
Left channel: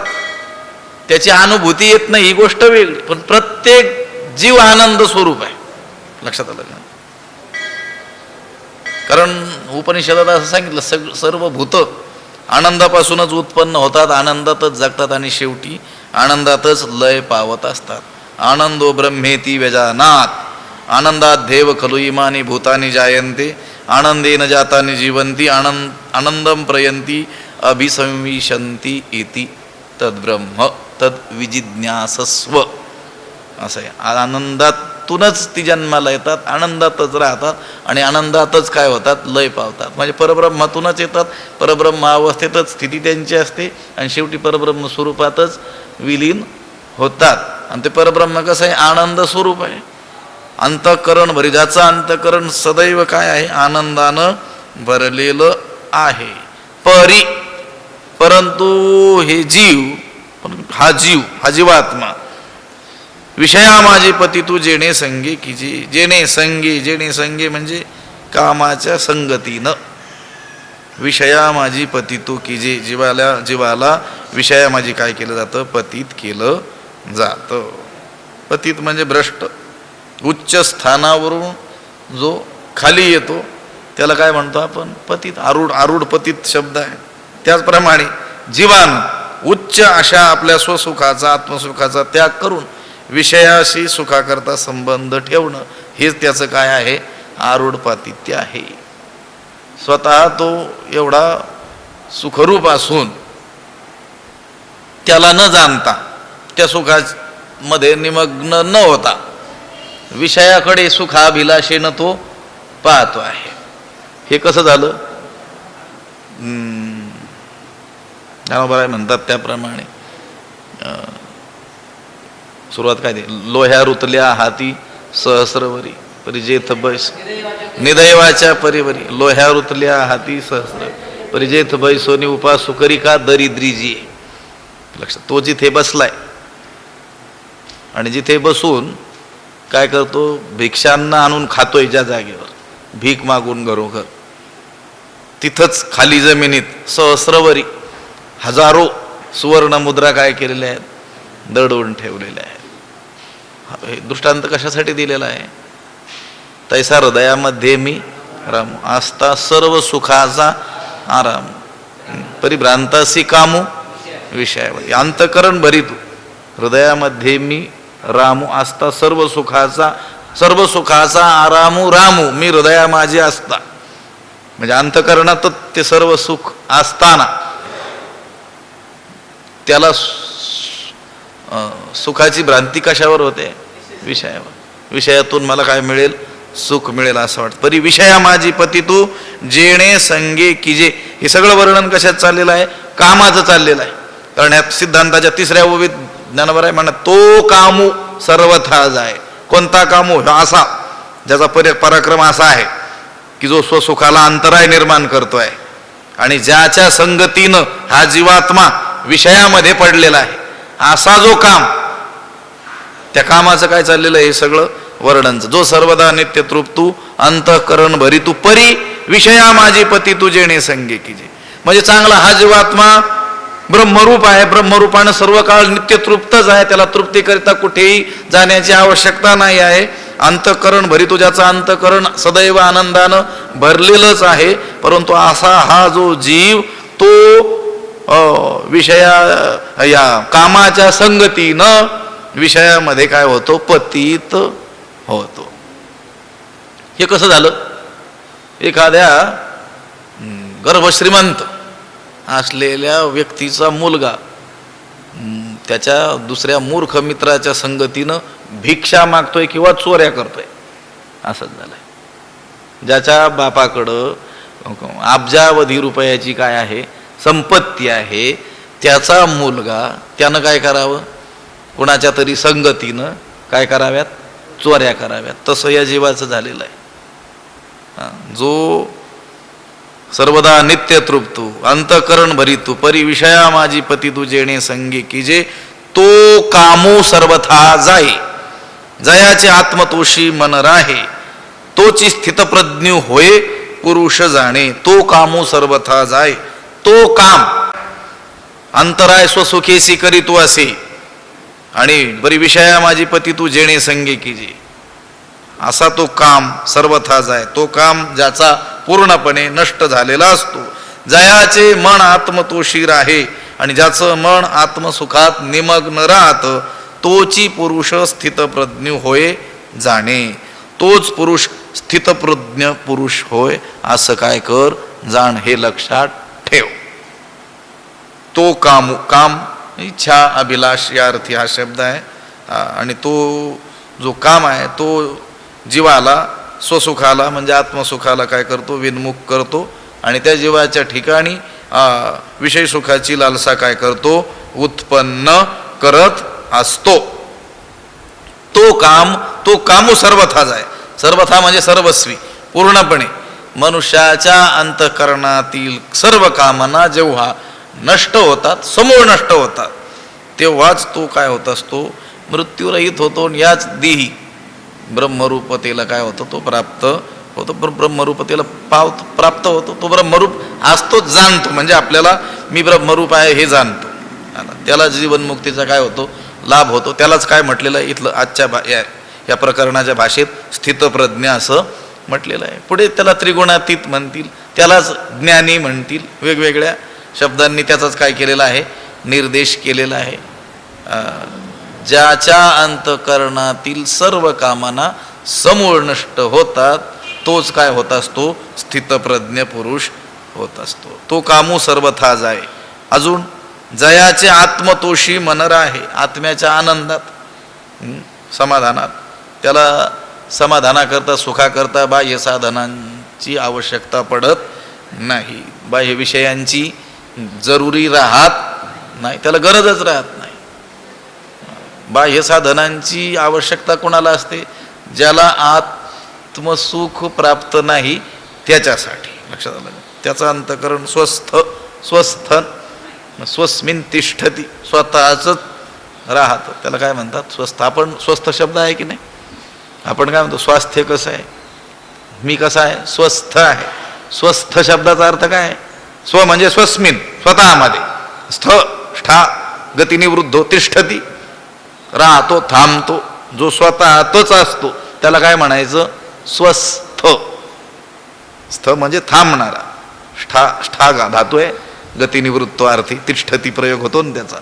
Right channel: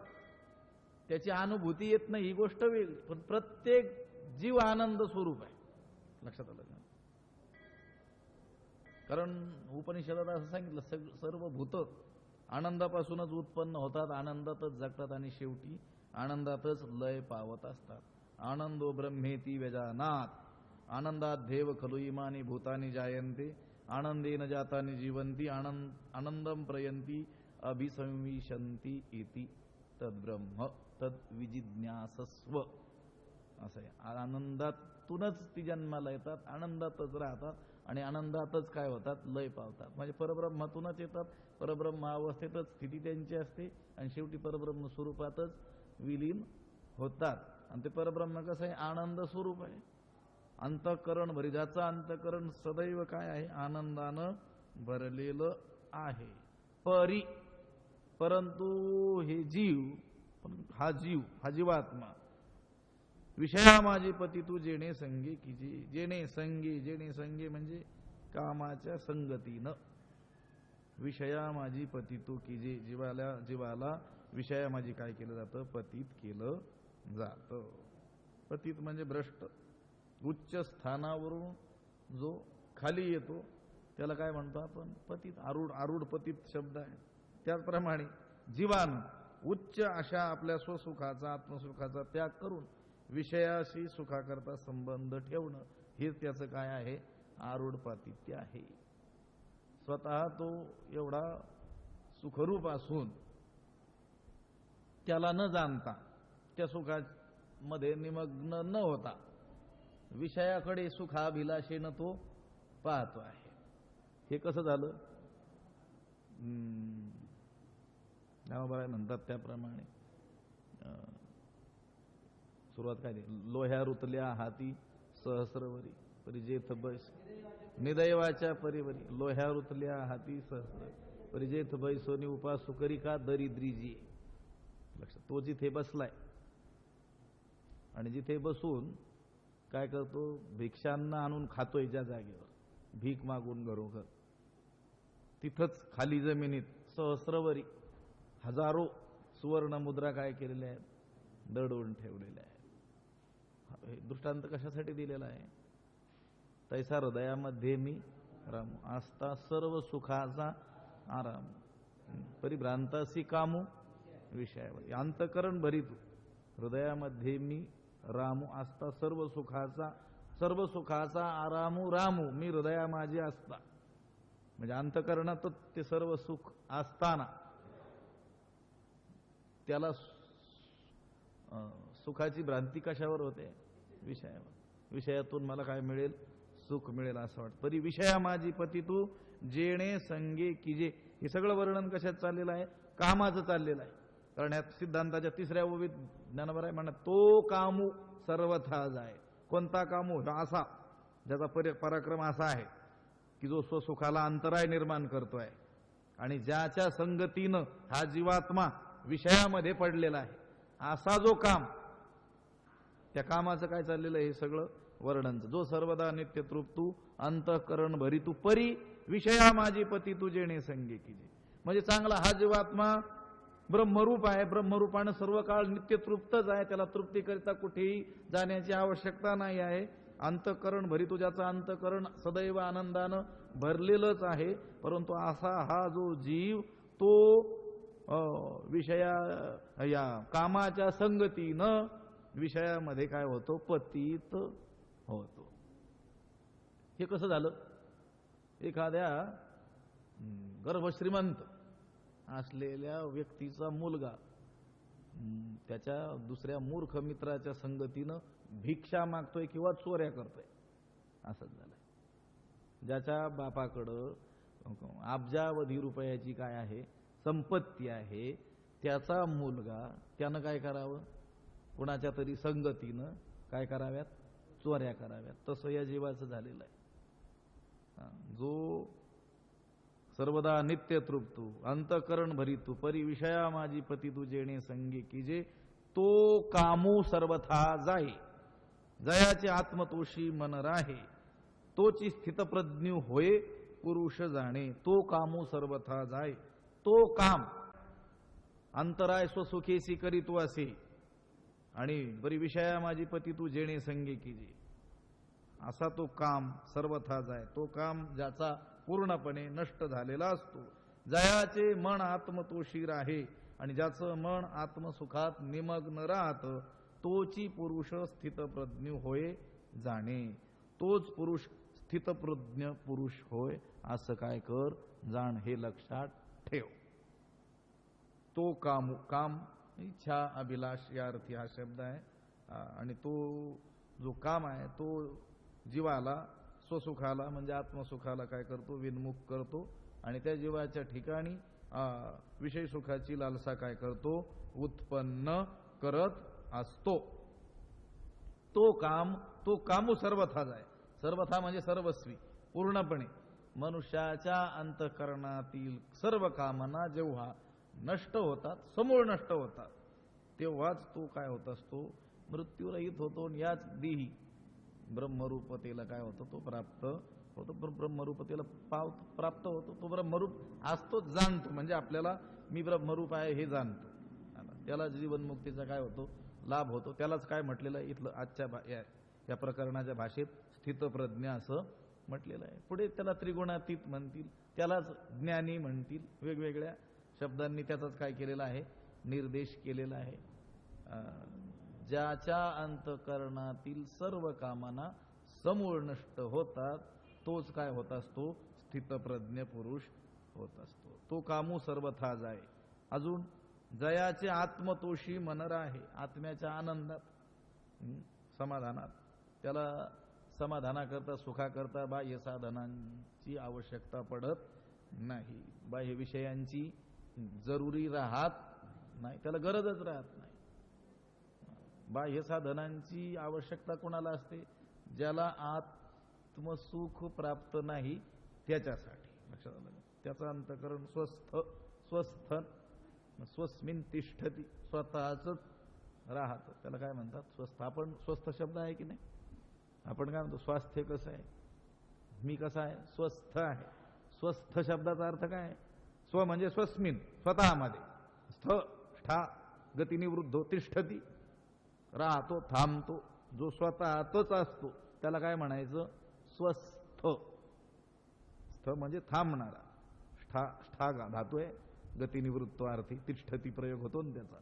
त्याची अनुभूती येत नाही ही गोष्ट वेगळी, पण प्रत्येक जीव आनंद स्वरूप आहे. लक्षात आलं का? कारण उपनिषदात असं सांगितलं, सर्व भूत आनंदापासूनच उत्पन्न होतात, आनंदातच जगतात आणि शेवटी आनंदातच लय पावत असतात. आनंदो ब्रह्मेती व्यजानात, आनंदात देव खलु इमानी भूतानी जायन्ते, आनंदेन जातानी जीवंती, आनंदम प्रयंती अभिसंविशंती इति तद्ब्रह्म तद्विजिज्ञासस्व. असं आहे. आनंदातूनच ती जन्माला येतात, आनंदातच राहतात आणि आनंदातच काय होतात? लय पावतात. म्हणजे परब्रह्मातूनच येतात, परब्रह्म अवस्थेतच स्थिती त्यांची असते आणि शेवटी परब्रह्म स्वरूपातच विलीन होतात. आणि ते परब्रह्म कसं आहे? आनंद स्वरूप आहे. अंतःकरण भरी, ज्याचं अंतःकरण सदैव काय आहे? आनंदानं भरलेलं आहे. परंतु हे जीव, हा जीवात्मा विषया माझे पती तू जेणे संगे कीजे. जेणे संगे म्हणजे कामाच्या संगतीनं. विषया माझी पती तू कीजे, जीवाला विषया माझी काय केलं जातं? पतित केलं जातं. पतित म्हणजे भ्रष्ट, उच्च स्थानावरून जो खाली येतो त्याला काय म्हणतो आपण? पतित. आरूढ पतित शब्द आहे. त्याचप्रमाणे जीवान उच्च अशा आपल्या स्वसुखाचा आत्मसुखाचा त्याग करून विषयाशी सुखाकरता संबंध ठेवणं हेच त्याचं काय आहे? आरूढ पातित्य आहे. स्वतः तो एवढा सुखरूप असून त्याला न जाणता त्या सुखामध्ये निमग्न न होता विषयाकडे सुखाभिलाषेनं तो पाहतो आहे. हे कसं झालं? ज्ञानोबा म्हणतात त्याप्रमाणे सुरुवात काय ते? लोह्या रुतल्या हाती सहस्रवरी परिजेथ बैस निदैवाच्या परिवरी. लोह्या रुतल्या हाती सहस्र परिजेथ बैसोनी उपासू करी का दरिद्रीजी. लक्षात, तो जिथे बसलाय आणि जिथे बसून काय करतो? भिक्षांना आणून खातोय ज्या जागेवर, भीक मागून घरोघर, तिथंच खाली जमिनीत सहस्रवरी हजारो सुवर्ण मुद्रा काय केलेल्या आहेत? दडवून ठेवलेल्या आहेत. हे दृष्टांत कशासाठी दिलेला आहे? तैसा हृदयामध्ये मी रामू आस्था सर्व सुखाचा आराम परिभ्रांतासी कामू विषयावरी. अंतकरण भरितू हृदयामध्ये मी रामू आस्था सर्व सुखाचा आरामू रामू. मी हृदया माझे असता म्हणजे अंतकरणात ते सर्व सुख असताना त्याला सुखाची भ्रांती कशावर होते? विषयावर. विषयातून मला काय मिळेल? सुख मिळेल असं वाटतं. परी विषया माझी पती तू जेणे संगे किजे. हे सगळं वर्णन कशात चाललेलं आहे? कामाचं चाललेलं आहे. कारण ह्या सिद्धांताच्या तिसऱ्या ओवीत ज्ञानोबा म्हणत तो कामू सर्वथा जाय. कोणता कामू? असा ज्याचा पराक्रम असा आहे की जो स्वसुखाला अंतराय निर्माण करतोय आणि ज्याच्या संगतीनं हा जीवात्मा विषयामध्ये पडलेला आहे, असा जो काम, त्या कामाचं काय चाललेलं आहे? हे सगळं वर्णनचं. जो सर्वदा नित्य तृप्तू अंतःकरण भरितू परी विषया माझी पती तू जेणे संगे कीजे. म्हणजे चांगला हा जीवात्मा ब्रह्मरूप आहे, ब्रह्मरूपानं सर्व काळ नित्य तृप्तच आहे, त्याला तृप्तीकरिता कुठेही जाण्याची आवश्यकता नाही आहे. अंतःकरण भरितू, ज्याचं अंतःकरण सदैव आनंदानं भरलेलंच आहे. परंतु असा हा जो जीव तो या कामाच्या संगतीनं विषयामध्ये काय होतो? पतित होतो. हे कसं झालं? एखाद्या गर्भश्रीमंत असलेल्या व्यक्तीचा मुलगा त्याच्या दुसऱ्या मूर्ख मित्राच्या संगतीनं भिक्षा मागतोय किंवा चोऱ्या करतोय, असंच झालंय. ज्याच्या बापाकडं अब्जावधी रुपयाची काय आहे? संपत्ती आहे, त्याचा मुलगा त्यानं काय करावं? कुणाच्या तरी संगतीनं काय कराव्यात? चोऱ्या कराव्यात. तसं या जीवाचं झालेलं आहे. जो सर्वदा नित्य तृप्तू अंतःकरण भरितू परी विषया माझी पती तू जेणे संगे कीजे, तो कामू सर्वथा जाई. जयाचे आत्मतोषी मन राहे, तोची स्थितप्रज्ञ होय पुरुष जाणे. तो कामू सर्वथा जाय. तो काम अंतराय स्वसुखेसी करीतो असे आणि बरी विषया माझी पती तू जेणे संगे कीजे, असा तो काम सर्वथा जाय. तो काम ज्याचा पूर्णपणे नष्ट झालेला असतो. जयाचे मन आत्मतोषी राहे आणि ज्याचं मन आत्मसुखात निमग्न राहत, तोची पुरुष स्थितप्रज्ञ होय जाणे. तोच पुरुष स्थितप्रज्ञ पुरुष होय असं काय कर? जाण. हे लक्षात ठेव. तो काम इच्छा अभिलाष या अर्थी हा शब्द आहे. आणि तो जो काम आहे तो जीवाला स्वसुखाला म्हणजे आत्मसुखाला काय करतो? विन्मुख करतो. आणि त्या जीवाच्या ठिकाणी विषय सुखाची लालसा काय करतो? उत्पन्न करत असतो. तो कामू सर्वथा जाय. सर्वथा म्हणजे सर्वस्वी, पूर्णपणे. मनुष्याच्या अंतःकरणातील सर्व कामना जेव्हा नष्ट होतात, समूळ नष्ट होतात, तेव्हाच तो काय होत असतो? मृत्यूरहित होतो. याच देही ब्रह्मरूपतेला काय होतं? तो प्राप्त होतो. ब्रह्मरूपतेला प्राप्त होतो. तो ब्रह्मरूप असतो, जाणतो. म्हणजे आपल्याला मी ब्रह्मरूप आहे हे जाणतो. त्याला जीवनमुक्तीचा काय होतो? लाभ होतो. त्यालाच काय म्हटलेलं आहे इथलं आजच्या या प्रकरणाच्या भाषेत स्थितप्रज्ञ असं म्हटलेलं आहे. पुढे त्याला त्रिगुणातीत म्हणतील, त्यालाच ज्ञानी म्हणतील. वेगवेगळ्या शब्दांनी त्याचाच काय केलेला आहे, निर्देश केलेला आहे. ज्याच्या अंतकरणातील सर्व कामना समूळ नष्ट होतात तोच काय होत असतो, स्थितप्रज्ञ पुरुष होत असतो. तो कामू सर्वथा जाय. अजून जयाचे आत्मतोषी मन राहे, आत्म्याच्या आनंदात, समाधानात. त्याला समाधानाकरता सुखाकरता बाह्य साधनांची आवश्यकता पडत नाही, बाह्य विषयांची जरुरी राहत नाही, त्याला गरजच राहत नाही. बाह्य साधनांची आवश्यकता कोणाला असते, ज्याला आत्मसुख प्राप्त नाही त्याच्यासाठी. लक्षात आलं, त्याचं अंतकरण स्वस्थ स्वस्मिन तिष्ठती, स्वतःच राहतं, त्याला काय म्हणतात, स्वस्थ. आपण स्वस्थ शब्द आहे की नाही, आपण काय म्हणतो, स्वास्थ्य कसं आहे, मी कसा आहे, स्वस्थ आहे. स्वस्थ शब्दाचा अर्थ काय आहे, स्व म्हणजे स्वस्मिन, स्वतःमध्ये, स्था गतिनिवृद्धो तिष्ठती, राहतो, थांबतो. जो स्वतःतच असतो त्याला काय म्हणायचं, स्वस्थ. स्थ म्हणजे थांबणारा,ष्ठा धातू आहे, गतिनिवृत्तो अर्थी तिष्ठती प्रयोग होतो ना त्याचा.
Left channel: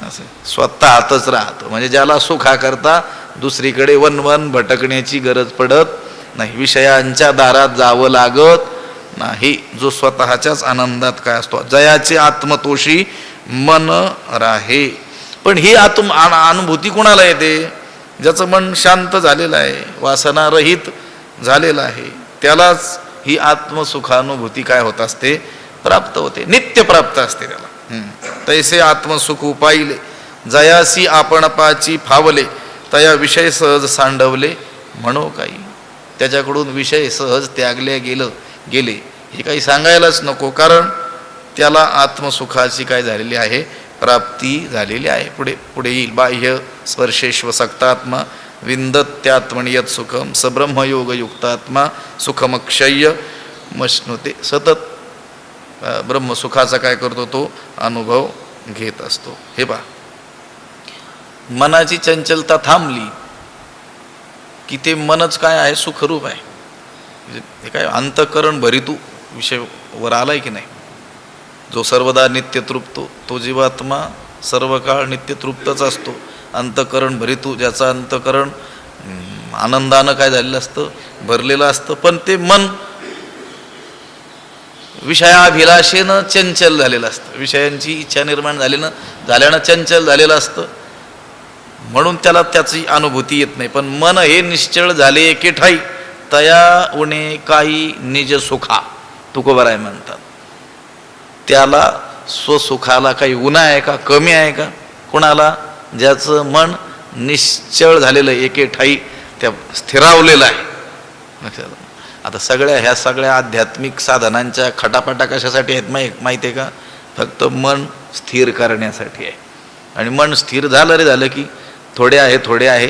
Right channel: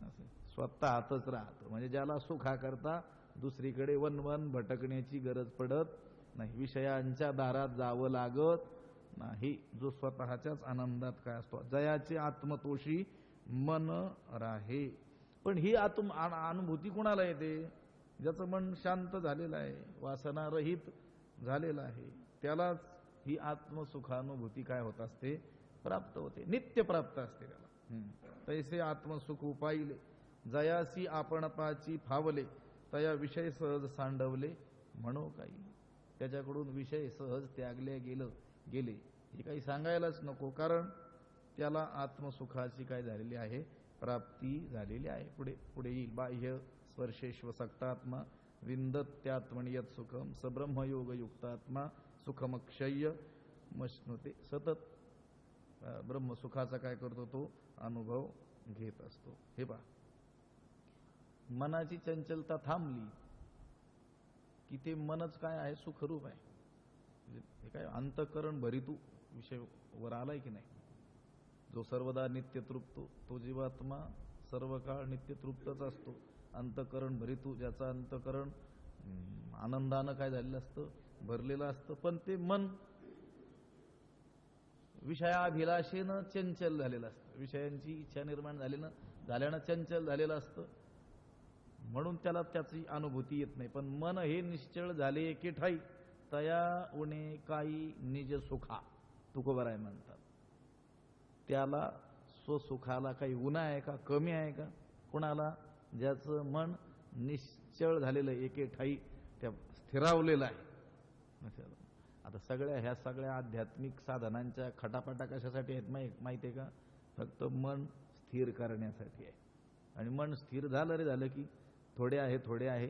असं स्वतःतच राहतो म्हणजे ज्याला सुखाकरता दुसरीकडे वनवन भटकण्याची गरज पडत नाही, विषयांच्या दारात जावं लागत नाही, जो स्वतःच्याच आनंदात काय असतो. जयाचे आत्मतोषी मन राहे. पण ही अनुभूती कोणाला येते, ज्याचं मन शांत झालेलं आहे, वासनारहित झालेलं आहे, त्यालाच ही आत्मसुखानुभूती काय होत असते, प्राप्त होते, नित्य प्राप्त असते त्याला. तैसे आत्मसुख उपाईले, जयासी आपण पाची फावले, तया विषय सहज सांडवले म्हणो काही. त्याच्याकडून विषय सहज त्यागले गेले हे काही सांगायलाच नको, कारण त्याला आत्मसुखाची काय झालेली आहे, प्राप्ती झालेली आहे. पुढे येईल, बाह्य स्पर्शेश्व सक्तात्मा विंदत्यात्मनियत सुखम सब्रह्मयोग युक्तात्मा सुखमक्षय्य मश्नुते. सतत ब्रह्मसुखाचा काय करतो, तो अनुभव घेत असतो. हे पहा, मनाची चंचलता थांबली की ते मनच काय आहे, सुखरूप आहे. हे काय अंतःकरण भरितू विषय वर आलाय की नाही. जो सर्वदा नित्य तृप्तो तो जीवात्मा सर्व काळ नित्य तृप्तच असतो. अंतःकरण भरितू, ज्याचं अंतःकरण आनंदानं काय झालेलं असतं, भरलेलं असतं, पण ते मन विषयाभिलाषेनं चंचल झालेलं असतं, विषयांची इच्छा निर्माण झाल्यानं चंचल झालेलं असतं, म्हणून त्याला त्याची अनुभूती येत नाही. पण मन हे निश्चळ झाले एके ठाई, तया उणे काही निज सुखा, तुकोबाराय म्हणतात. त्याला स्वसुखाला काही उणा आहे का, कमी आहे का, कोणाला, ज्याचं मन निश्चळ झालेलं एके ठाई, त्या स्थिरावलेलं आहे. लक्षात. आता ह्या सगळ्या आध्यात्मिक साधनांच्या खटापटा कशासाठी आहेत माहिती आहे का, फक्त मन स्थिर करण्यासाठी आहे. आणि मन स्थिर झालं की थोडे आहे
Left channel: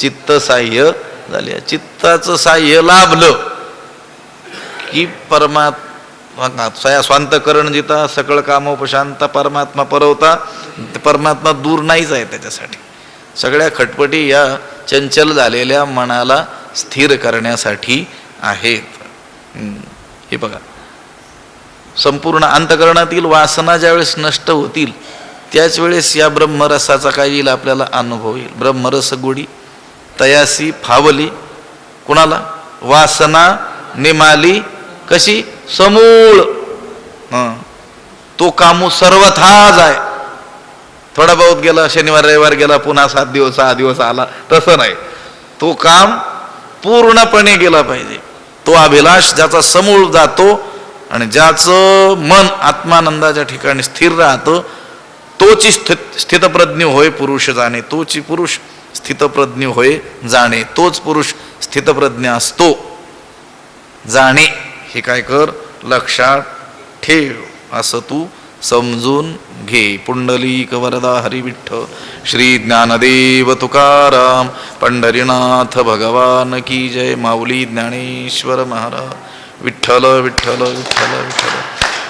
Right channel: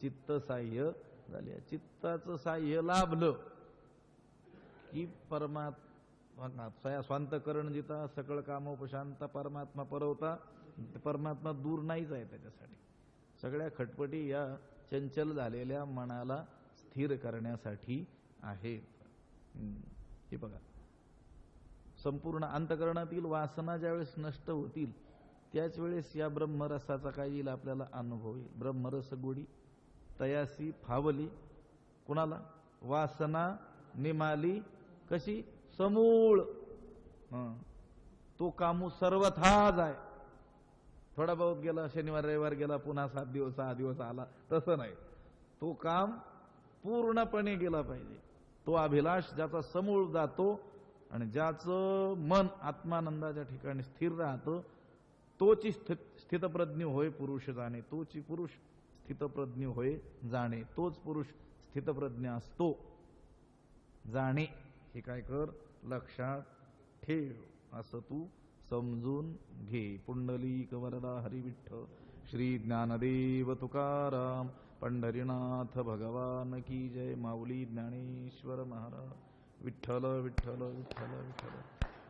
चित्त साह्य झाले, चित्ताचं साह्य लाभलं की परमात्मा स्वांतकरण जिता सकळ कामोपशांता परमात्मा परवता. परमात्मा दूर नाहीच आहे त्याच्यासाठी. सगळ्या खटपटी या चंचल झालेल्या मनाला स्थिर करण्यासाठी आहेत. हे बघा, संपूर्ण अंतकरणातील वासना ज्यावेळेस नष्ट होतील त्याच वेळेस या ब्रह्मरसाचा काय येईल, आपल्याला अनुभव येईल. ब्रह्मरस गोडी तयासी फावली, कुणाला, वासना निमाली कशी, समूळ. तो कामू सर्वथा जाय. थोडा बहुत गेला, शनिवार रविवार गेला, पुन्हा 7 दिवस 6 दिवस आला, तसं नाही. तो काम पूर्णपणे गेला पाहिजे. तो अभिलाष ज्याचा समूळ जातो आणि ज्याचं मन आत्मानंदाच्या ठिकाणी स्थिर राहतं, तोची स्थितप्रज्ञ होय पुरुष जाणे. तोची पुरुष स्थितप्रज्ञ होय जाणे. तोच पुरुष स्थितप्रज्ञ असतो. जाणे हे काय कर, लक्षात ठेव, असं तू समजून घे. पुंडलिक वरदा हरी विठ्ठल. श्री ज्ञानदेव तुकाराम पंढरीनाथ भगवान की जय. माऊली ज्ञानेश्वर महाराज. विठ्ठल विठ्ठल विठ्ठल विठ्ठल.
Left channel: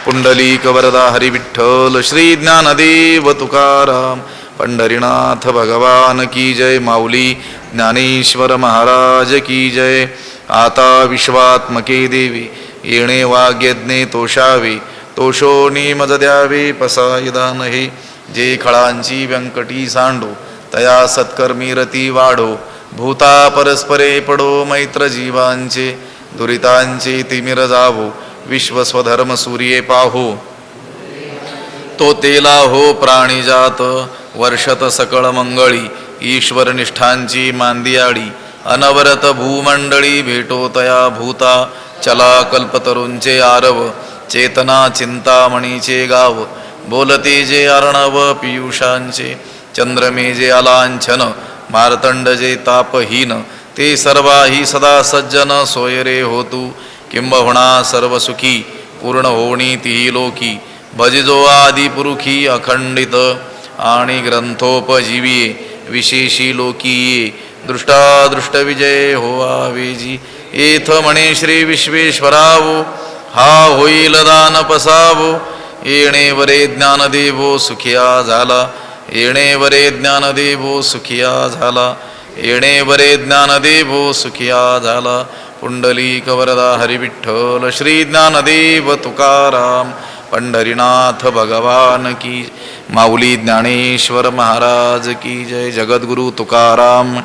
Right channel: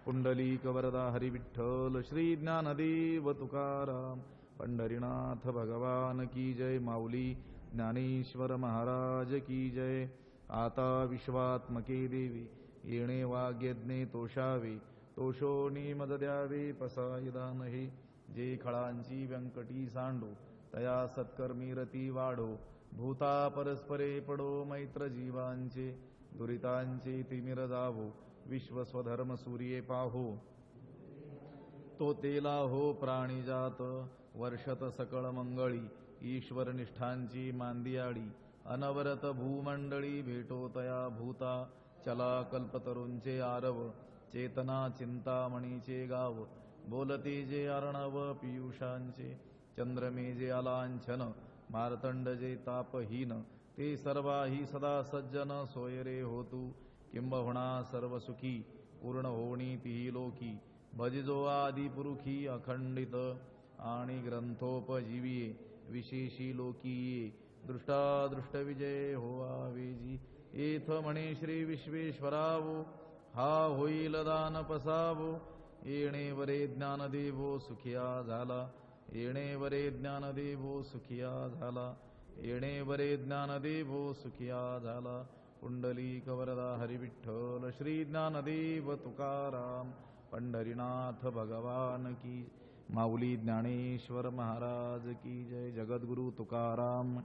पुंडलिक वरदा हरी विठ्ठल. श्री ज्ञानदेव तुकाराम पंढरीनाथ भगवान की जय. माऊली ज्ञानेश्वर महाराज की जय. आता विश्वात्मके देवी येणे वाग्यज्ञे तोषावे. तोषोनी मज द्यावे पसायदा नहे. जे खळांची व्यंकटी सांडो तया सत्कर्मी रती वाढो. भूता परस्परे पडो मैत्र जीवांचे. दुरितांचे तिमिर जावो विश्वस्वधर्म सूर्ये पाहो. तो तेला हो प्राणीजात वर्षत सकळ मंगळी. ईश्वर निष्ठांची मांदियाळी अनवरत भूमंडळी. भेटो तया भूता चला कल्पतरूंचे आरव. चेतना चिंतामणीचे गाव बोलते जे अर्णव पियुषांचे. चंद्रमे जे अलांछन मार्तंड जे तापहीन. ते सर्वाही सदा सज्जन सोयरे होतू. किंबहुना सर्व सुखी पूर्ण होणी तिही लोकी. भजिजो आदि पुरुखी अखंडित आणि ग्रंथोपजीवी विशेषी लोकीये. दृष्टादृष्ट विजय होवावेजी. येथ म्हणे श्री विश्वेश्वरावो हा होईल दान पसावो. येणे वरे ज्ञानदेवो सुखिया झाला. येणे वरे ज्ञानदेवो सुखिया झाला. येणे वरे ज्ञानदेवो सुखिया झाला. पुंडलिक वरदा हरिविठ्ठल श्री ज्ञानदेव तुकाराम पंढरीनाथ भगवान की. माऊली ज्ञानेश्वर महाराज की जय. जगद्गुरु तुकाराम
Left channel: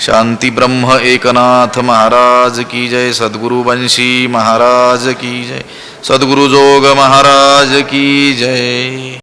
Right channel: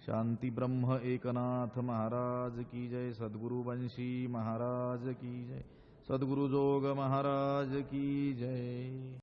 शांती ब्रह्म एकनाथ महाराज की जय. सद्गुरु बंशी महाराज की जय. सद्गुरु जोग महाराज की जय.